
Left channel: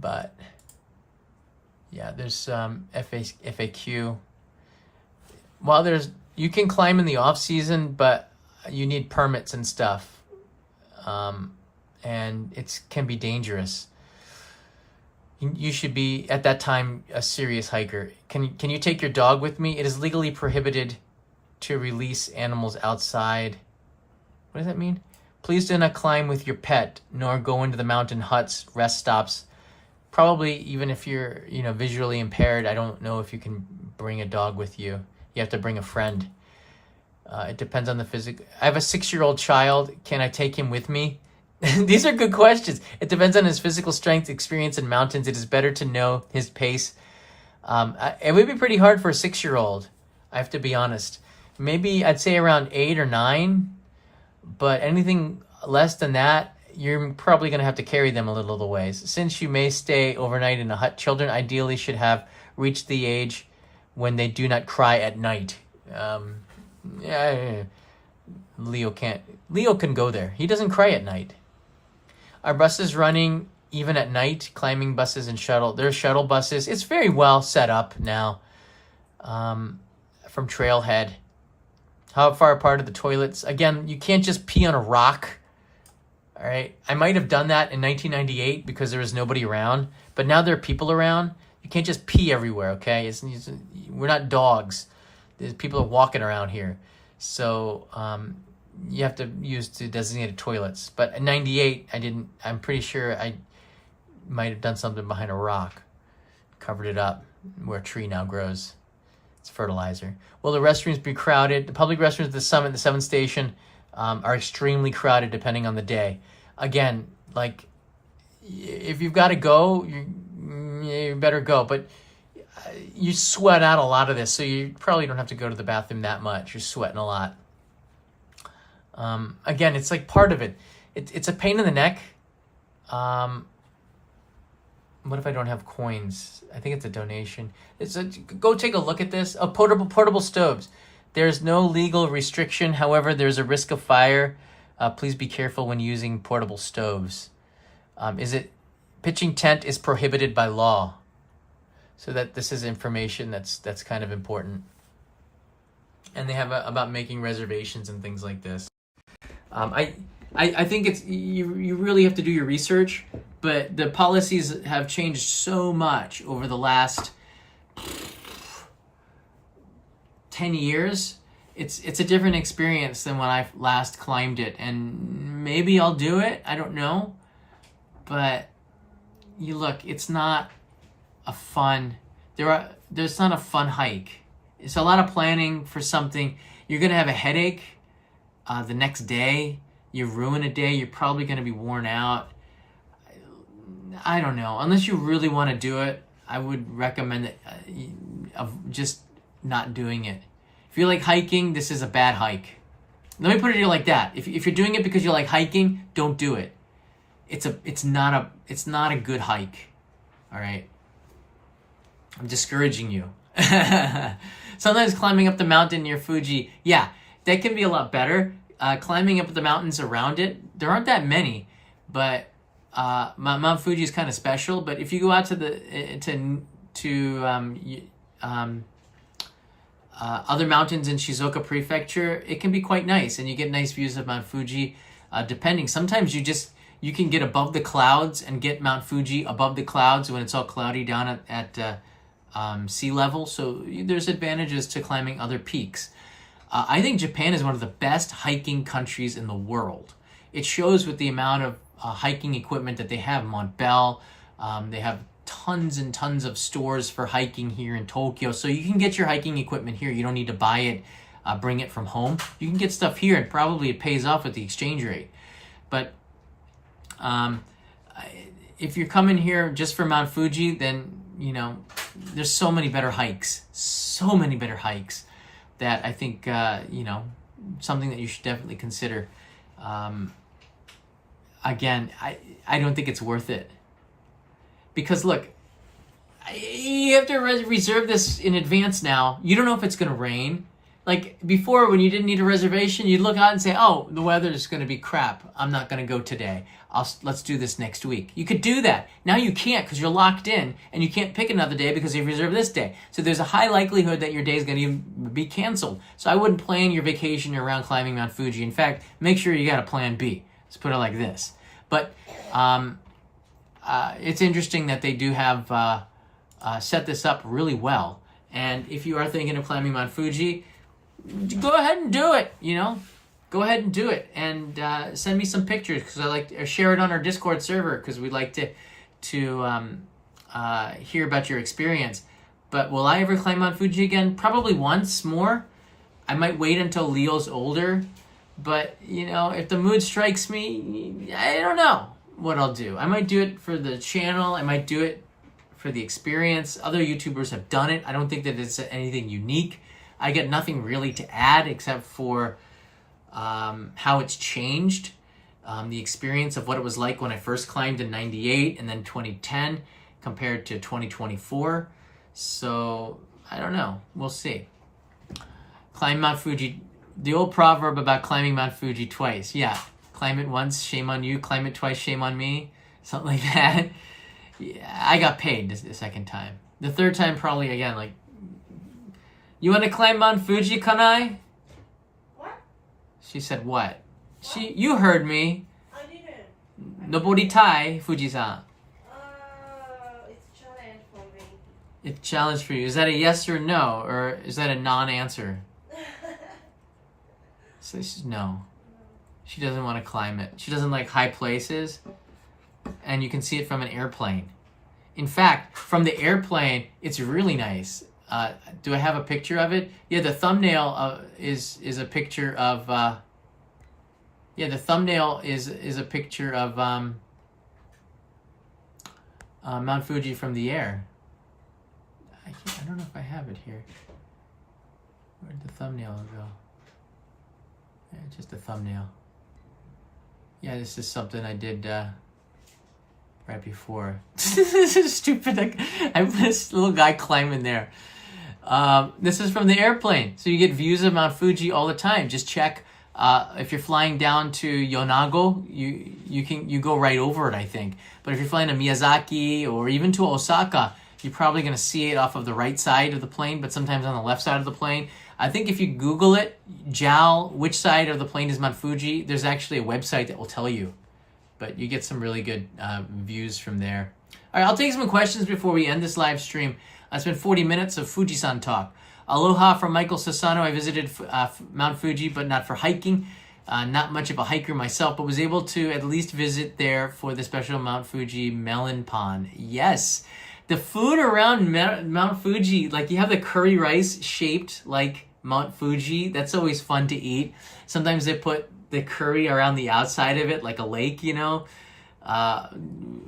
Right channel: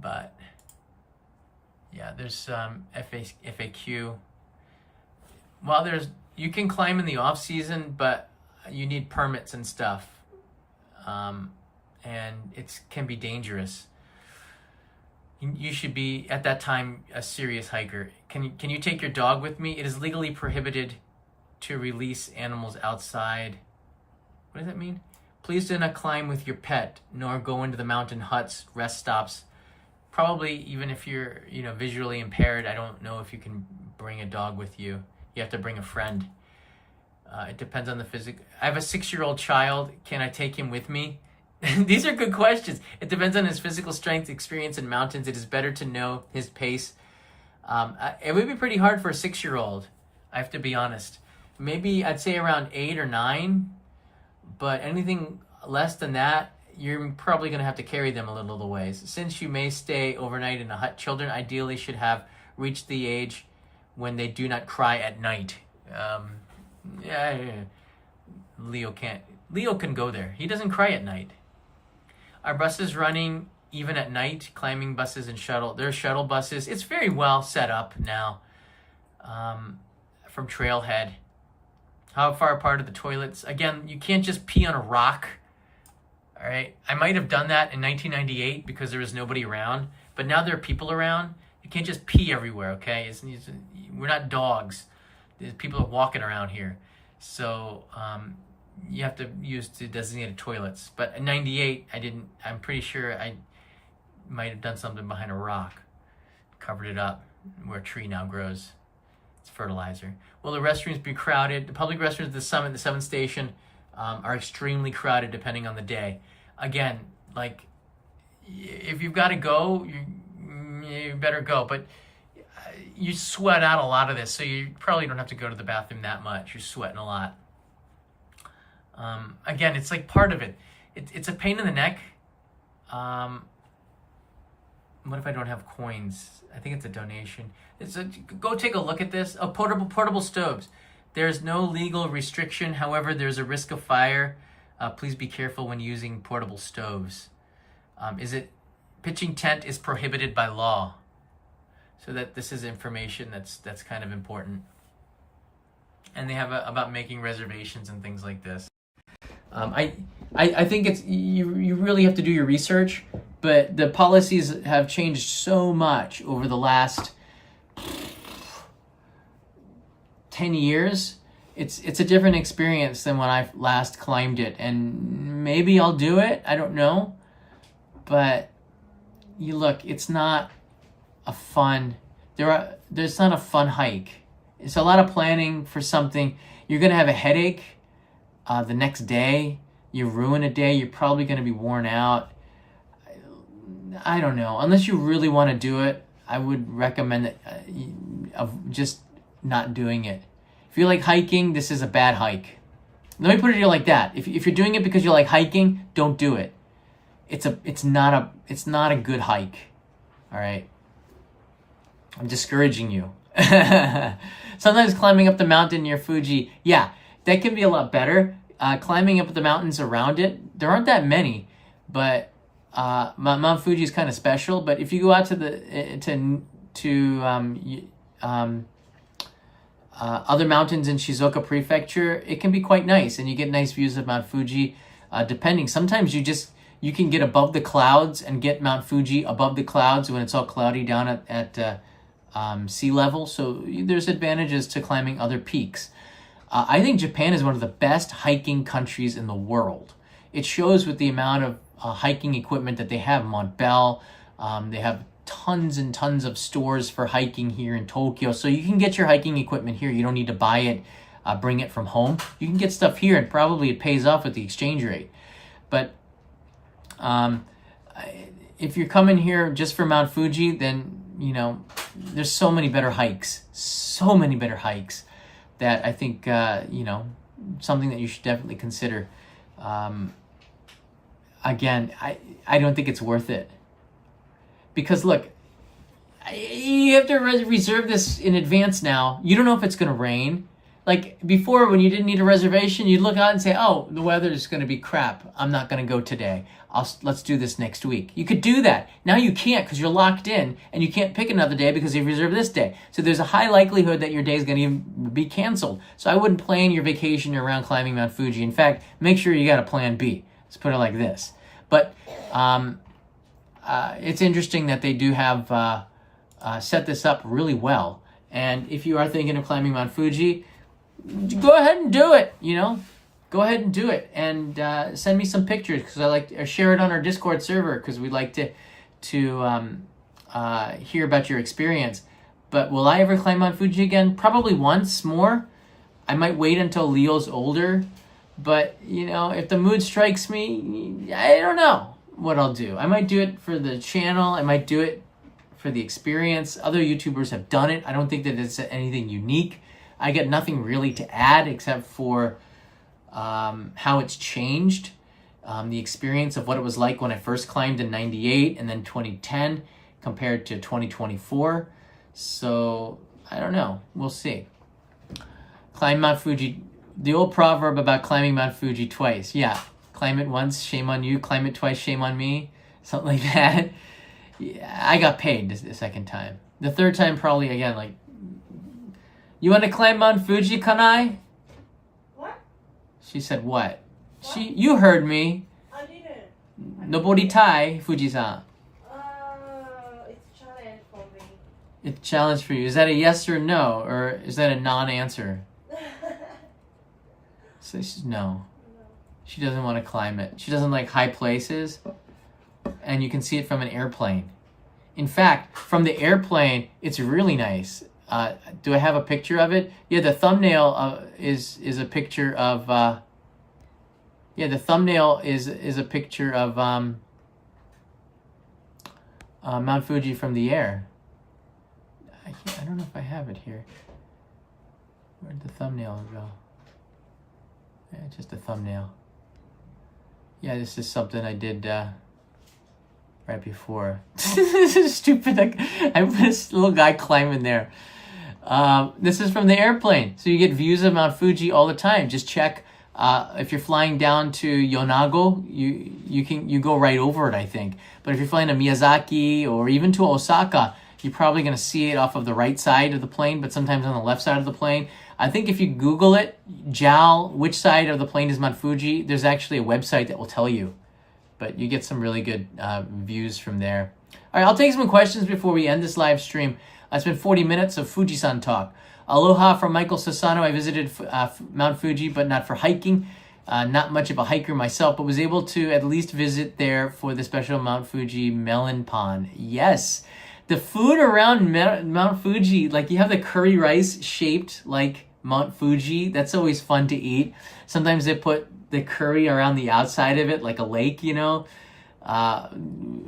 But yeah, there's FAQ. Well, you can climb in the off season, but you need permits and stuff. And it can be dangerous. You should be, at that time, a serious hiker. Can you take your dog with me? It is legally prohibited to release animals outside. What does that mean? Please do not climb with your pet, nor go into the mountain huts, rest stops. Probably even if you're, visually impaired, I don't know if you can bring a dog with you. You have to bring a friend. It depends on the physical. I have a 6-year-old child. Can I take him with me? These are good questions. It depends on his physical strength, experience in mountains. It is better to know his pace. It would be pretty hard for a 6-year-old, I have to be honest. Maybe I'd say around 8 or 9, but anything less than that, you're probably going to have to carry them a little of the ways. Since you may stay overnight in a hut, children ideally should have reached the age when they do not cry at night. Leo can go there. He doesn't cry at night. Our bus is running even at night, climbing buses and there's shuttle buses. It's very well set up now from Trailhead. How far apart are the toilets? Again, you can't just pee on a rock. All right. I might have done that in 1998 because there was nobody around, but now there are people around. You can't just pee everywhere, okay? We're not dogs. There's people are walking around here. So you have to use the designated toilets. But in 98, I'm pretty sure I might have done something behind a rock. Covered it up where a tree now grows. It's fertilizer. Will the restrooms be crowded? The public restrooms at the summit, the 7th station, are extremely crowded depending on the day. Again, like, if you've got to go, you better go. But you sweat out a lot of this, so you probably don't have to go to the bathroom that much. You're sweating a lot. Again, it's like part of it. It's a pain in the neck. What if I don't have coins? I think it's a donation. Go take a look at this. Portable stoves. There's no legal restriction. However, there's a risk of fire. Please be careful when using portable stoves. Pitching tent is prohibited by law. So that this is information that's kind of important. And they have about making reservations and things like this. I think you really have to do your research, but the policies have changed so much over the last 10 years. It's a different experience than when I last climbed it, and maybe I'll do it. I don't know, but it's not a fun. There's not a fun hike. It's a lot of planning for something. You're gonna have a headache the next day. You ruin a day. You're probably gonna be worn out. I don't know. Unless you really want to do it, I would recommend that of just not doing it. If you like hiking, this is a bad hike. Let me put it like that. If you're doing it because you like hiking, don't do it. It's not a good hike. All right. I'm discouraging you. Sometimes climbing up the mountain near Fuji, yeah, that can be a lot better. Climbing up the mountains around it, there aren't that many, but Mount Fuji is kind of special. But if you go out to other mountains in Shizuoka Prefecture, it can be quite nice, and you get nice views of Mount Fuji. Depending, sometimes you can get above the clouds and get Mount Fuji above the clouds when it's all cloudy down at sea level. So there's advantages to climbing other peaks. I think Japan is one of the best hiking countries in the world. It shows with the amount of hiking equipment that they have. Mont Bell, they have tons and tons of stores for hiking here in Tokyo. So you can get your hiking equipment here. You don't need to buy it, bring it from home. You can get stuff here, and probably it pays off with the exchange rate. But if you're coming here just for Mount Fuji, then, there's so many better hikes. So many better hikes that I think, something that you should definitely consider. Again, I don't think it's worth it. Because look, you have to reserve this in advance now. You don't know if it's going to rain. Like before, when you didn't need a reservation, you'd look out and say, oh, the weather is going to be crap. I'm not going to go today. Let's do this next week. You could do that. Now you can't because you're locked in, and you can't pick another day because you've reserved this day. So there's a high likelihood that your day is going to be canceled. So I wouldn't plan your vacation around climbing Mount Fuji. In fact, make sure you got a plan B. Let's put it like this. But it's interesting that they do have set this up really well. And if you are thinking of climbing Mount Fuji, go ahead and do it. Go ahead and do it, and send me some pictures, because I like to share it on our Discord server, because we'd like to hear about your experience. But will I ever climb Mount Fuji again? Probably once more. I might wait until Leo's older. But, if the mood strikes me, I don't know what I'll do. I might do it for the channel. I might do it for the experience. Other YouTubers have done it. I don't think that it's anything unique. I get nothing really to add except for how it's changed. The experience of what it was like when I first climbed in 98 and then 2010 compared to 2024. So, I don't know. We'll see. Climb Mount Fuji. The old proverb about climbing Mount Fuji twice. Yeah, climb it once, shame on you. Climb it twice, shame on me. something like that. Yeah, I got paid the second time. The third time, probably again, like, you want to climb Mount Fuji, Kanai? What? She said, what? You heard me. I didn't. Noboritai, Fuji-san. It's a challenge for me. It's a challenge for you. Is that a yes or no? Or is that a non-answer? So she's no. She doesn't want to climb it. She doesn't like high places. And you can see it from an airplane. In fact, from the airplane, it's really nice. Do I have a picture of it? Yeah, the thumbnail is a picture of... the thumbnail is a picture of Mount Fuji from the air. I don't know if I have it here. Where'd the thumbnail go? Yeah, just a thumbnail. Yeah, this is something I did right before. This is stupid. I put this little guy climbing there. This is from the airplane. So you get views of Mount Fuji all the time. Just check. If you're flying down to Yonago, you go right over it, I think. But if you're flying to Miyazaki or even to Osaka, you're probably going to see it off of the right side of the plane, but sometimes on the left side of the plane. I think if you Google it, JAL, which side of the plane is Mount Fuji, there's actually a website that will tell you. But you get some really good views from there. All right, I'll take some questions before we end this live stream. It's been 40 minutes of Fuji-san talk. Aloha from Michael Sassano. I visited Mount Fuji, but not for hiking. Not much of a hiker myself, but was able to at least visit there for the special Mount Fuji melon pond. Yes. The food around Mount Fuji, like you have the curry rice shaped like Mount Fuji. That's always fun to eat. Sometimes they put the curry around the outside of it, like a lake, you know.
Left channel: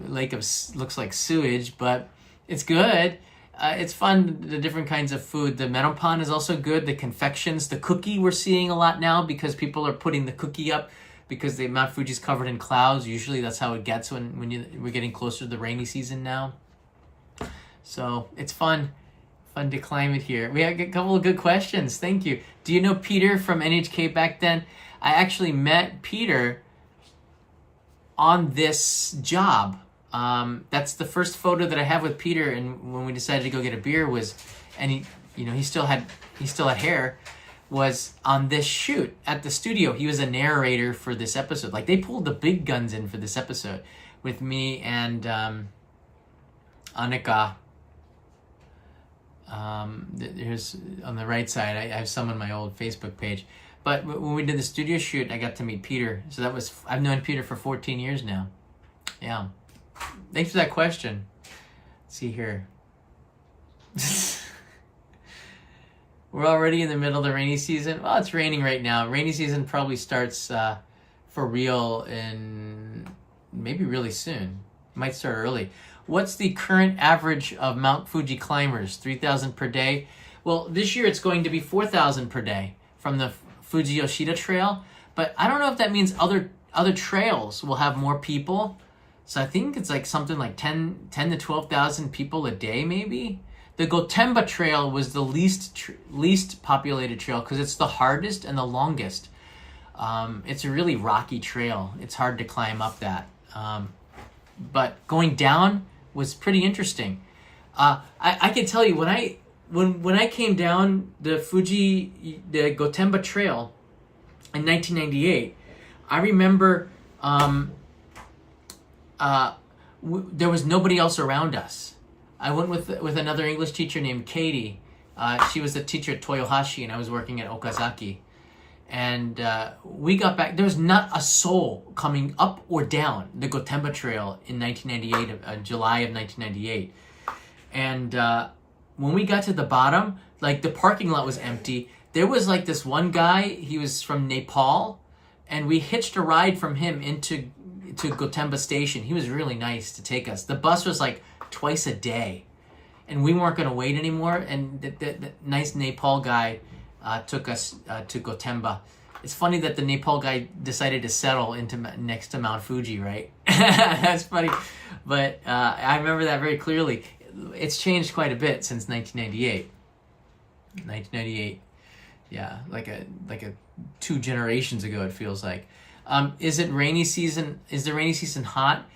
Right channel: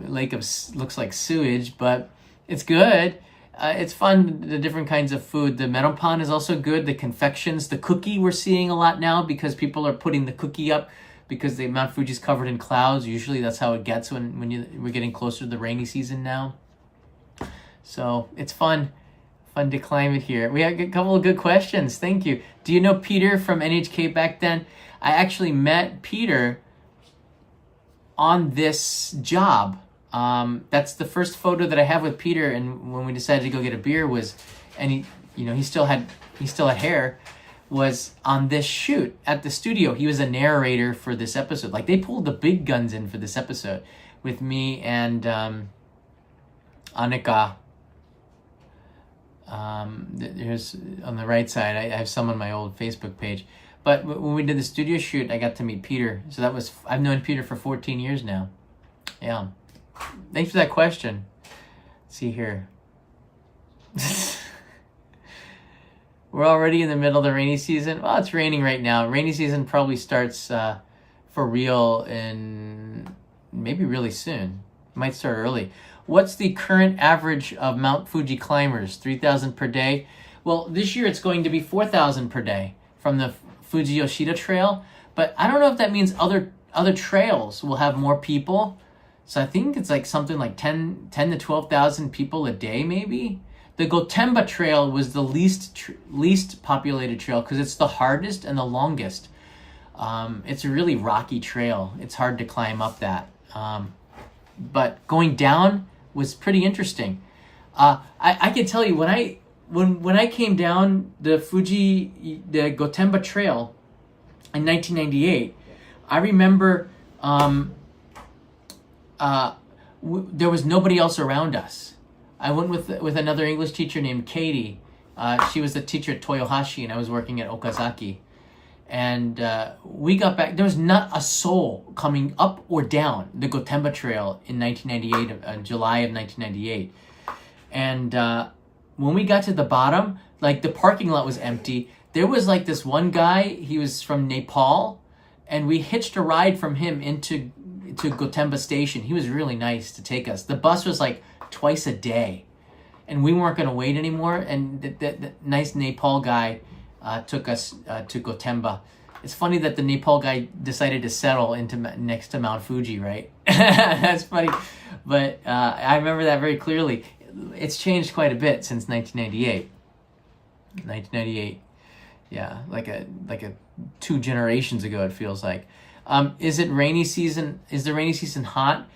Lake of looks like sewage, but it's good. It's fun, the different kinds of food. The melon pond is also good. The confections, the cookie we're seeing a lot now because people are putting the cookie up because the Mount Fuji's covered in clouds. Usually that's how it gets when we're getting closer to the rainy season now. So it's fun to climb it here. We have a couple of good questions. Thank you. Do you know Peter from NHK back then? I actually met Peter on this job. That's the first photo that I have with Peter, and when we decided to go get a beer and he still had hair, was on this shoot at the studio. He was a narrator for this episode. Like they pulled the big guns in for this episode with me and Annika. Here's on the right side. I have some on my old Facebook page. But when we did the studio shoot, I got to meet Peter. So I've known Peter for 14 years now. Yeah. Thanks for that question. Let's see here. We're already in the middle of the rainy season. Well, it's raining right now. Rainy season probably starts for real in maybe really soon. It might start early. What's the current average of Mount Fuji climbers? 3,000 per day? Well, this year it's going to be 4,000 per day from the Fuji Yoshida Trail. But I don't know if that means other trails will have more people. So I think it's like something like 10 to 12,000 people a day, maybe. The Gotemba Trail was the least populated trail because it's the hardest and the longest. It's a really rocky trail. It's hard to climb up that. But going down was pretty interesting. I can tell you when I came down the Gotemba Trail in 1998, I remember there was nobody else around us. I went with another English teacher named Katie. She was the teacher at Toyohashi, and I was working at Okazaki. And we got back. There was not a soul coming up or down the Gotemba Trail in 1998, July of 1998. And when we got to the bottom, like the parking lot was empty. There was like this one guy. He was from Nepal, and we hitched a ride from him into Gotemba Station. He was really nice to take us. The bus was like twice a day, and we weren't going to wait anymore. And the nice Nepal guy took us to Gotemba. It's funny that the Nepal guy decided to settle next to Mount Fuji, right? That's funny, but I remember that very clearly. It's changed quite a bit since 1998. 1998, yeah, like a 2 generations ago. It feels like. Is it rainy season? Is the rainy season hot?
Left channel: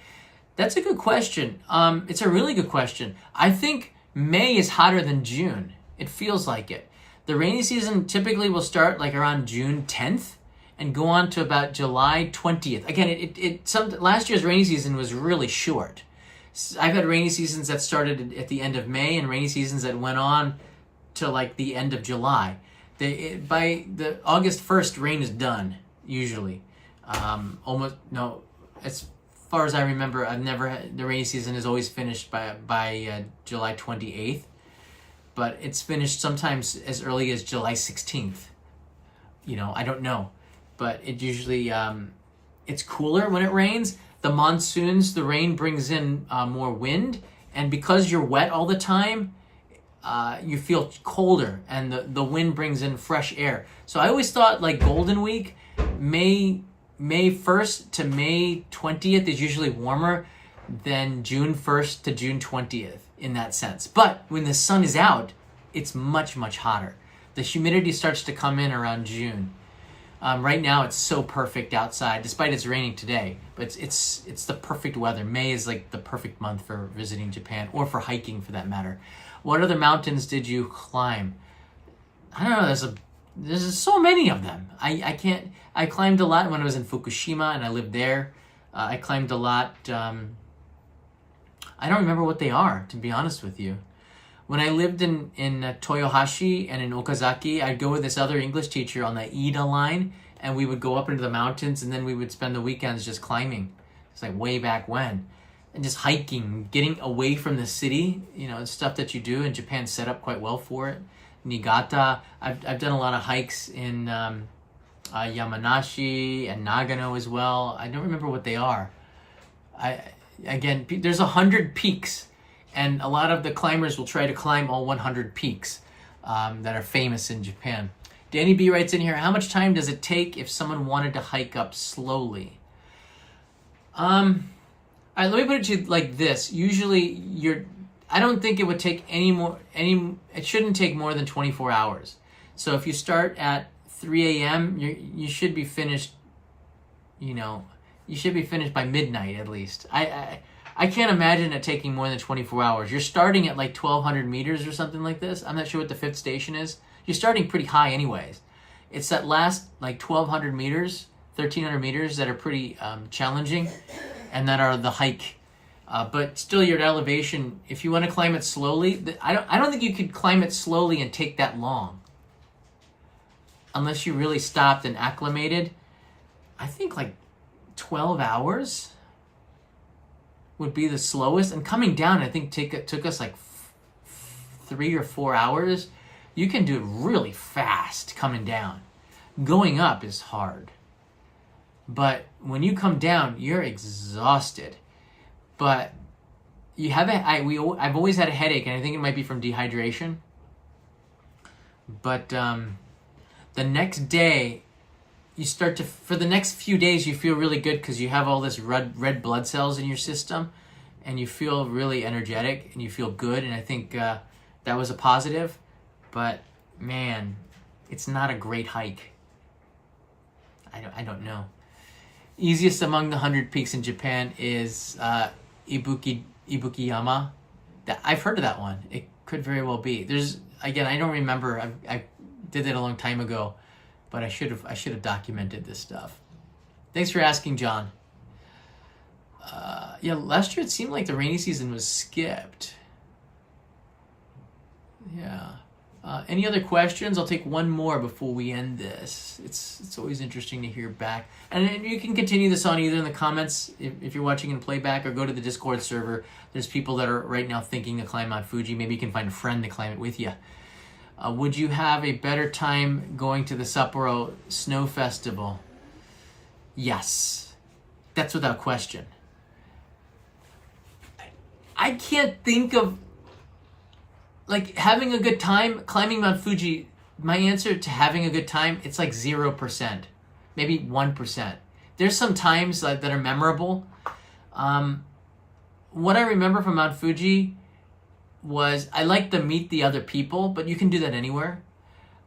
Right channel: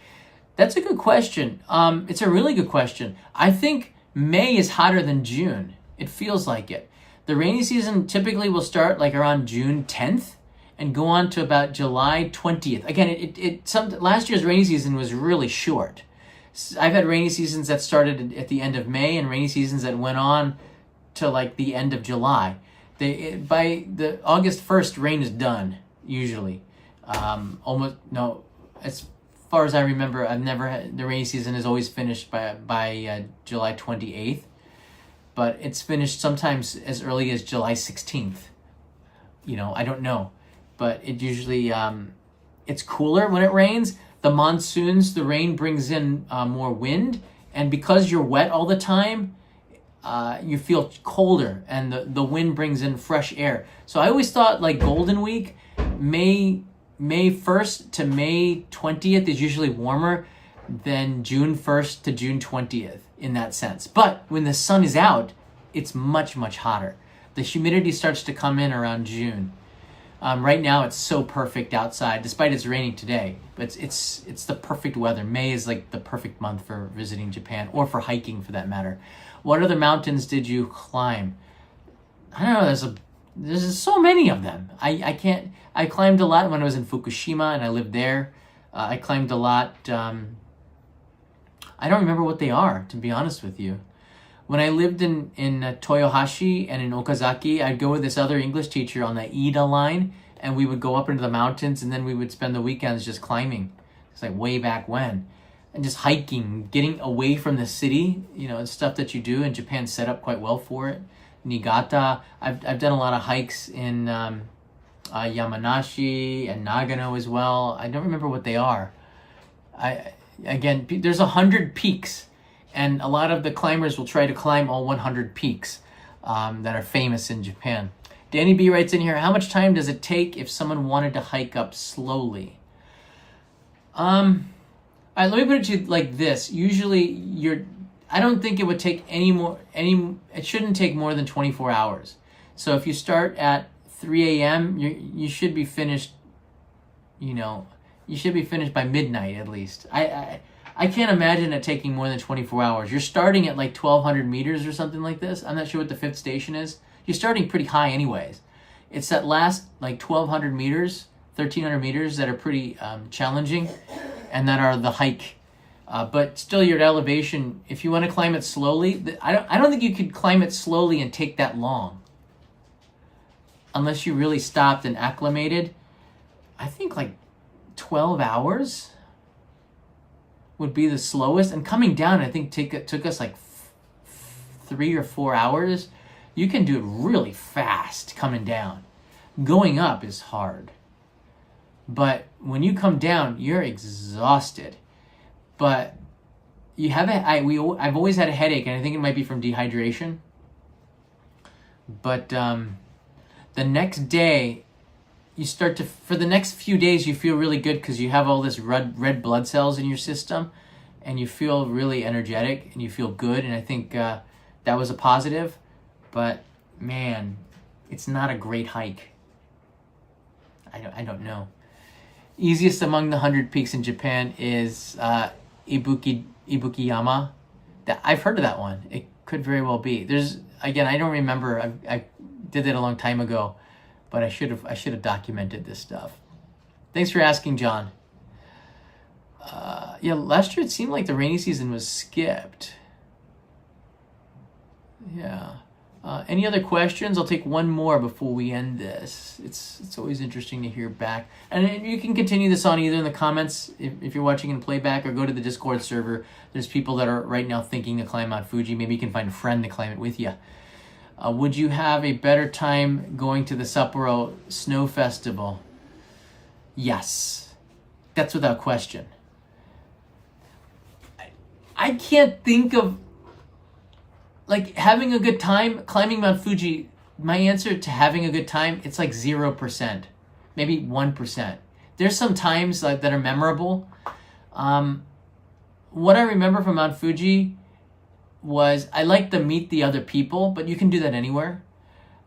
That's a good question. It's a really good question. I think May is hotter than June. It feels like it. The rainy season typically will start like around June 10th and go on to about July 20th. Again, last year's rainy season was really short. I've had rainy seasons that started at the end of May and rainy seasons that went on to like the end of July. By the August 1st, rain is done usually. Almost no. As far as I remember, I've never had the rainy season is always finished by July 28th, but it's finished sometimes as early as July 16th. I don't know, but it usually it's cooler when it rains. The monsoons, the rain brings in more wind, and because you're wet all the time, you feel colder, and the wind brings in fresh air. So I always thought like Golden Week, May 1st to May 20th is usually warmer than June 1st to June 20th in that sense. But when the sun is out, it's much, much hotter. The humidity starts to come in around June. Right now it's so perfect outside, despite it's raining today, but it's the perfect weather. May is like the perfect month for visiting Japan, or for hiking for that matter. What other mountains did you climb? I don't know, there's so many of them. I climbed a lot when I was in Fukushima and I lived there. I climbed a lot. I don't remember what they are, to be honest with you. When I lived in Toyohashi and in Okazaki, I'd go with this other English teacher on the Ida line, and we would go up into the mountains, and then we would spend the weekends just climbing. It's like way back when. And just hiking, getting away from the city, it's stuff that you do, and Japan's set up quite well for it. Niigata, I've done a lot of hikes in Yamanashi and Nagano as well. I don't remember what they are. There's 100 peaks, and a lot of the climbers will try to climb all 100 peaks that are famous in Japan. Danny B writes in here, how much time does it take if someone wanted to hike up slowly? All right, let me put it to you like this. Usually I don't think it would take it shouldn't take more than 24 hours. So if you start at 3 a.m., you should be finished, you should be finished by midnight at least. I can't imagine it taking more than 24 hours. You're starting at like 1,200 meters or something like this. I'm not sure what the 5th station is. You're starting pretty high anyways. It's that last like 1,200 meters, 1,300 meters that are pretty challenging, and that are the hike. But still, you're at elevation. If you want to climb it slowly, I don't think you could climb it slowly and take that long. Unless you really stopped and acclimated. I think like 12 hours would be the slowest. And coming down, I think it took us like 3 or 4 hours. You can do it really fast coming down. Going up is hard. But when you come down, you're exhausted. But you have I've always had a headache, and I think it might be from dehydration. But the next day, for the next few days, you feel really good because you have all this red blood cells in your system, and you feel really energetic, and you feel good, and I think that was a positive. But man, it's not a great hike. I don't know. Easiest among the 100 peaks in Japan is Ibukiyama. I've heard of that one. It could very well be. I don't remember. I did that a long time ago, but I should have documented this stuff. Thanks for asking, John. Last year it seemed like the rainy season was skipped. Yeah. Any other questions? I'll take one more before we end this. It's always interesting to hear back. And you can continue this on either in the comments if you're watching in playback, or go to the Discord server. There's people that are right now thinking to climb Mount Fuji. Maybe you can find a friend to climb it with you. Would you have a better time going to the Sapporo Snow Festival? Yes. That's without question. I can't think of like having a good time climbing Mount Fuji. My answer to having a good time, it's like 0%, maybe 1%. There's some times that are memorable. What I remember from Mount Fuji was I like to meet the other people, but you can do that anywhere.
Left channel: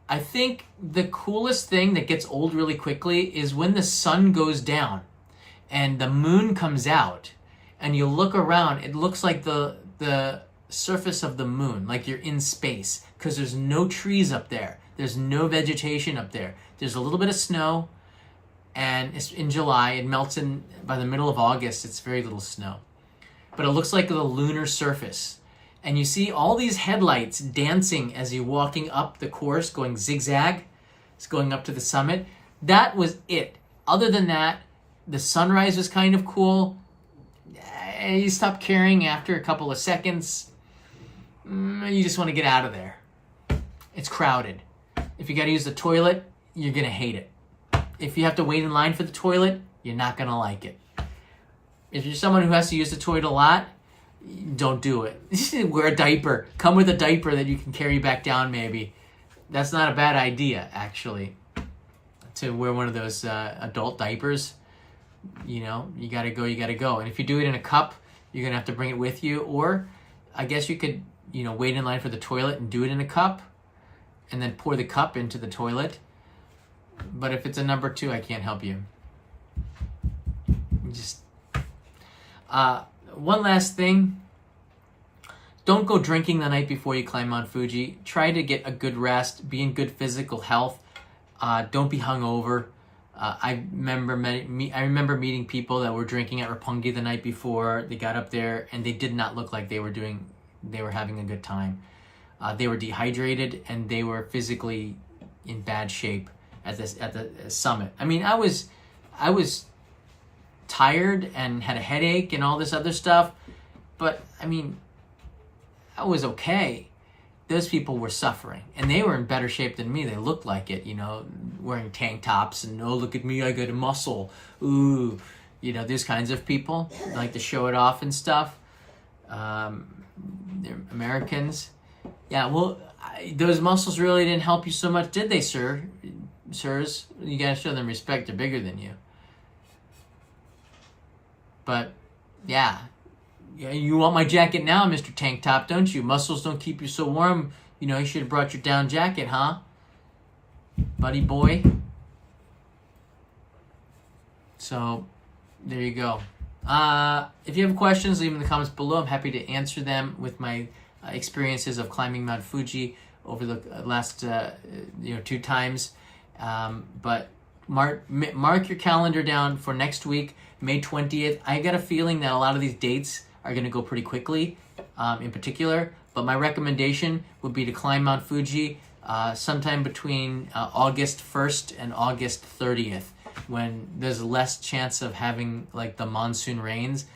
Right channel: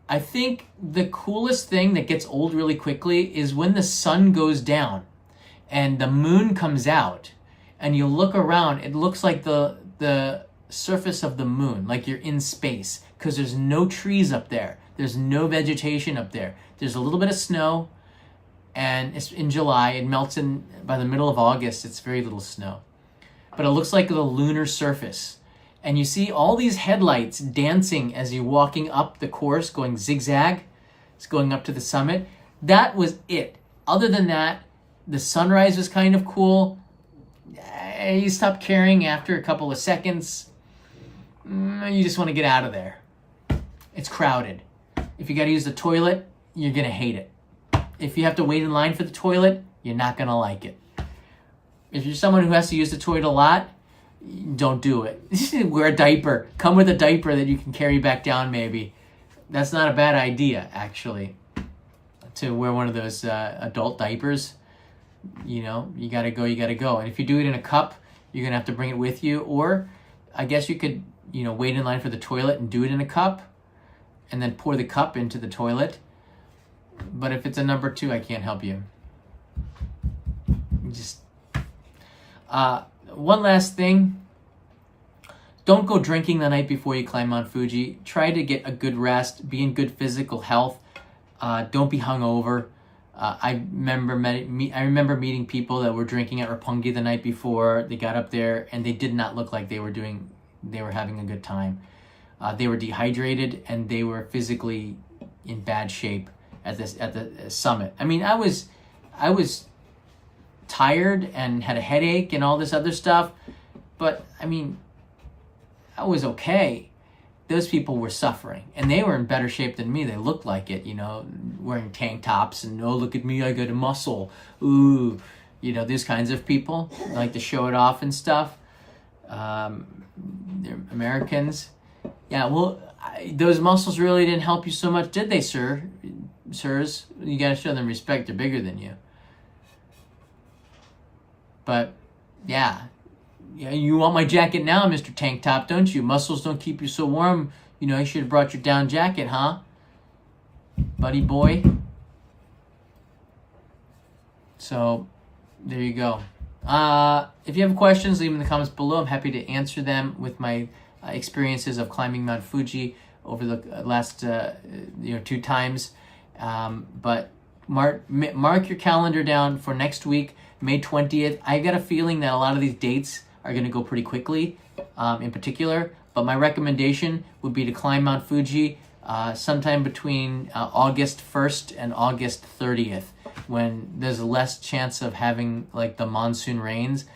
I think the coolest thing that gets old really quickly is when the sun goes down and the moon comes out, and you look around, it looks like the surface of the moon, like you're in space, because there's no trees up there. There's no vegetation up there. There's a little bit of snow, and it's in July. It melts in by the middle of August. It's very little snow. But it looks like the lunar surface. And you see all these headlights dancing as you're walking up the course, going zigzag. It's going up to the summit. That was it. Other than that, the sunrise was kind of cool. You stop caring after a couple of seconds. You just want to get out of there. It's crowded. If you got to use the toilet, you're going to hate it. If you have to wait in line for the toilet, you're not going to like it. If you're someone who has to use the toilet a lot, don't do it. Wear a diaper. Come with a diaper that you can carry back down maybe. That's not a bad idea, actually, to wear one of those adult diapers. You know, you got to go, you got to go. And if you do it in a cup, you're going to have to bring it with you. Or I guess you could, you know, wait in line for the toilet and do it in a cup and then pour the cup into the toilet. But if it's a number 2, I can't help you. Just one last thing. Don't go drinking the night before you climb Mount Fuji. Try to get a good rest. Be in good physical health. Don't be hungover. I remember meeting people that were drinking at Roppongi the night before. They got up there and they did not look like they were having a good time. They were dehydrated and they were physically in bad shape at the summit. I mean, I was tired and had a headache and all this other stuff, but I mean, I was okay. Those people were suffering, and they were in better shape than me. They looked like it, you know, wearing tank tops and, oh, look at me, I got a muscle. Ooh, you know, these kinds of people like to show it off and stuff. They're Americans. Yeah, well, those muscles really didn't help you so much, did they, sirs? You got to show them respect. They're bigger than you. But, yeah, you want my jacket now, Mr. Tank Top, don't you? Muscles don't keep you so warm. You know, you should have brought your down jacket, huh? Buddy boy. So, there you go. If you have questions, leave them in the comments below. I'm happy to answer them with my experiences of climbing Mount Fuji over the last 2 times. But mark your calendar down for next week, May 20th. I got a feeling that a lot of these dates are going to go pretty quickly, in particular. But my recommendation would be to climb Mount Fuji sometime between August 1st and August 30th, when there's less chance of having like the monsoon rains.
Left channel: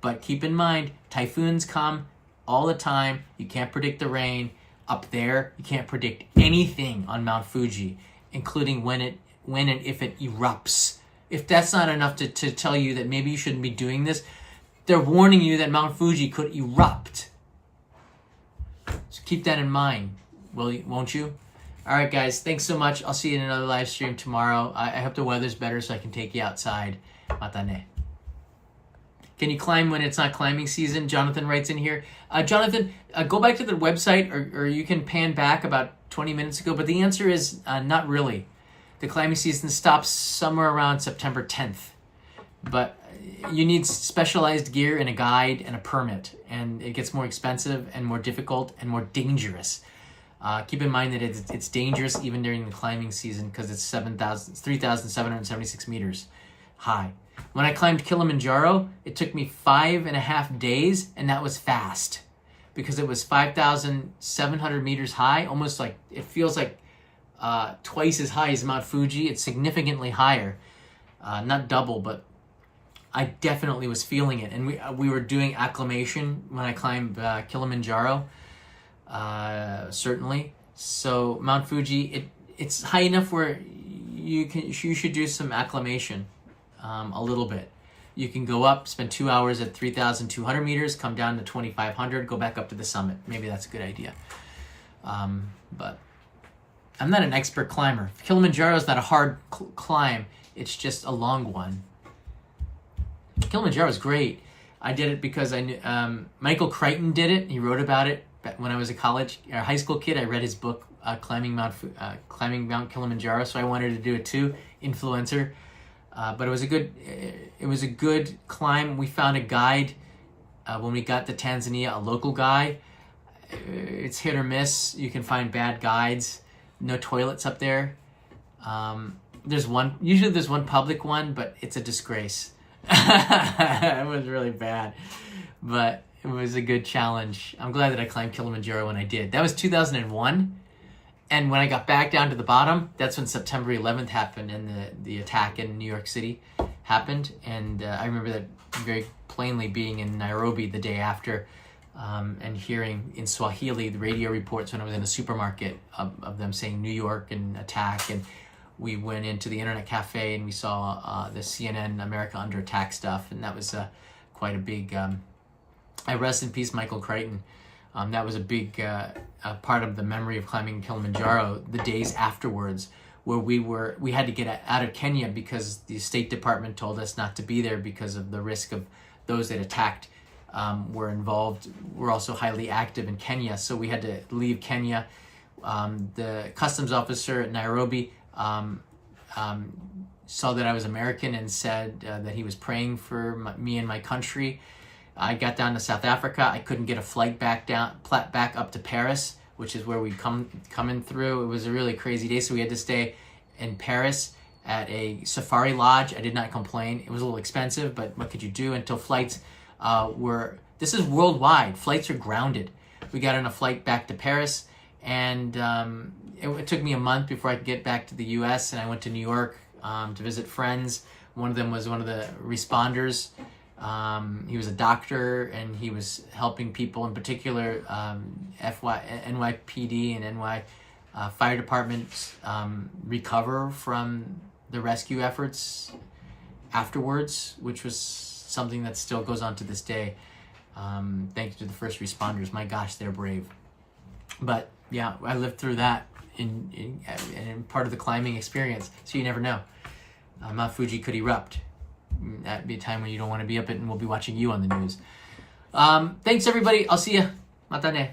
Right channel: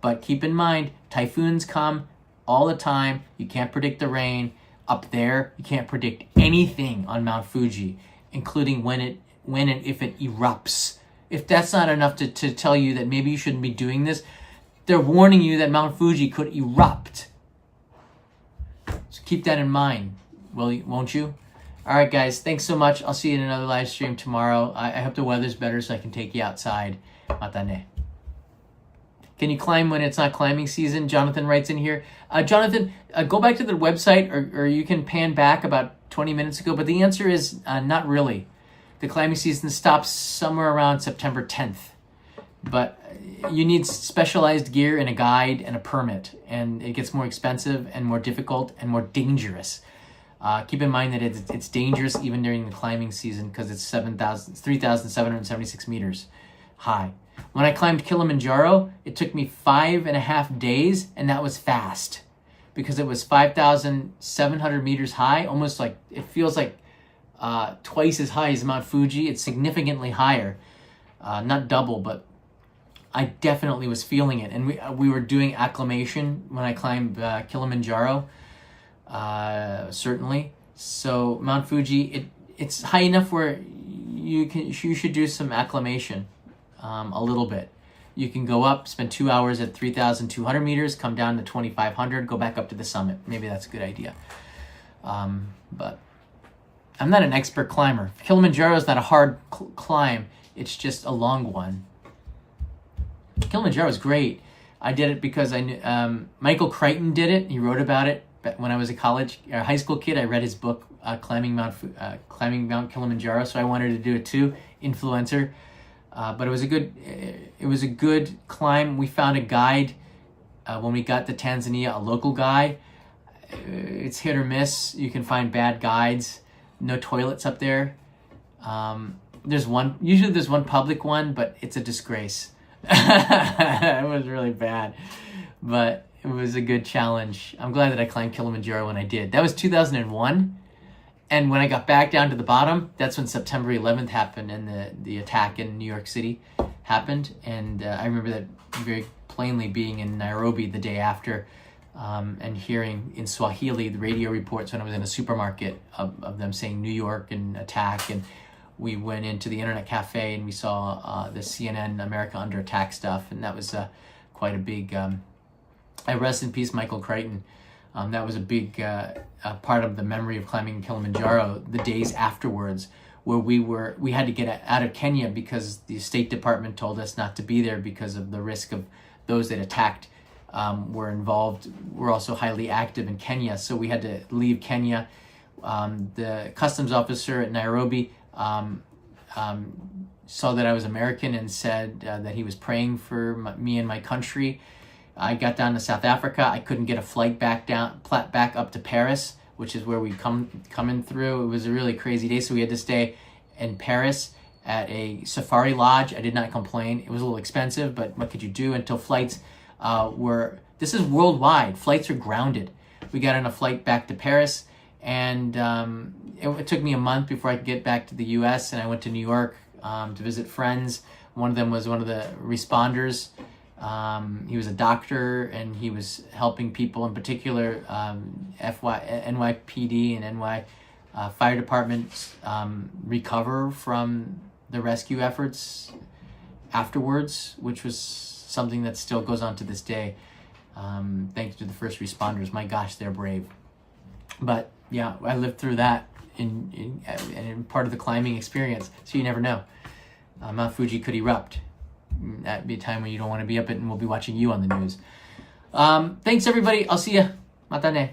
But keep in mind, typhoons come all the time. You can't predict the rain up there. You can't predict anything on Mount Fuji, including when and if it erupts. If that's not enough to tell you that maybe you shouldn't be doing this, they're warning you that Mount Fuji could erupt. So keep that in mind, won't you? All right, guys, thanks so much. I'll see you in another live stream tomorrow. I hope the weather's better so I can take you outside. Matane. Can you climb when it's not climbing season? Jonathan writes in here. Jonathan, go back to the website, or you can pan back about 20 minutes ago, but the answer is not really. The climbing season stops somewhere around September 10th. But you need specialized gear and a guide and a permit, and it gets more expensive and more difficult and more dangerous. Keep in mind that it's dangerous even during the climbing season because it's 3,776 meters high. When I climbed Kilimanjaro, it took me 5.5 days, and that was fast because it was 5,700 meters high, almost like, it feels like twice as high as Mount Fuji. It's significantly higher, not double, but I definitely was feeling it. And we were doing acclimation when I climbed Kilimanjaro, certainly. So Mount Fuji, it's high enough where you should do some acclimation a little bit. You can go up, spend 2 hours at 3,200 meters, come down to 2,500, go back up to the summit. Maybe that's a good idea. But I'm not an expert climber. Kilimanjaro is not a hard climb. It's just a long one. Kilimanjaro is great. I did it because I knew Michael Crichton did it. He wrote about it when I was a high school kid. I read his book, climbing Mount Kilimanjaro, so I wanted to do it too. Influencer, but it was a good climb. We found a guide When we got to Tanzania, a local guy, it's hit or miss. You can find bad guides. No toilets up there. Usually there's one public one, but it's a disgrace. It was really bad, but it was a good challenge. I'm glad that I climbed Kilimanjaro when I did. That was 2001. And when I got back down to the bottom, that's when September 11th happened and the attack in New York City happened. And I remember that very plainly, being in Nairobi the day after, and hearing in Swahili the radio reports when I was in a supermarket of them saying New York and attack. And we went into the internet cafe and we saw the CNN America Under Attack stuff. And that was quite a big, rest in peace, Michael Crichton. That was a big part of the memory of climbing Kilimanjaro the days afterwards, where we had to get out of Kenya because the State Department told us not to be there because of the risk of those that attacked were also highly active in Kenya. So we had to leave Kenya. The customs officer at Nairobi saw that I was American and said that he was praying for me and my country. I got down to South Africa. I couldn't get a flight back up to Paris, which is where we coming through. It was a really crazy day, so we had to stay in Paris at a safari lodge. I did not complain. It was a little expensive, but what could you do until flights this is worldwide. Flights are grounded. We got on a flight back to Paris, and it took me a month before I could get back to the U.S., and I went to New York to visit friends. One of them was one of the responders. He was a doctor, and he was helping people, in particular NYPD and NY fire departments recover from the rescue efforts afterwards, which was something that still goes on to this day. Thanks to the first responders. My gosh, they're brave. But yeah, I lived through that in part of the climbing experience, so you never know. Mount Fuji could erupt. That'd be a time when you don't want to be up it, and we'll be watching you on the news. Thanks, everybody. I'll see ya. Mata ne.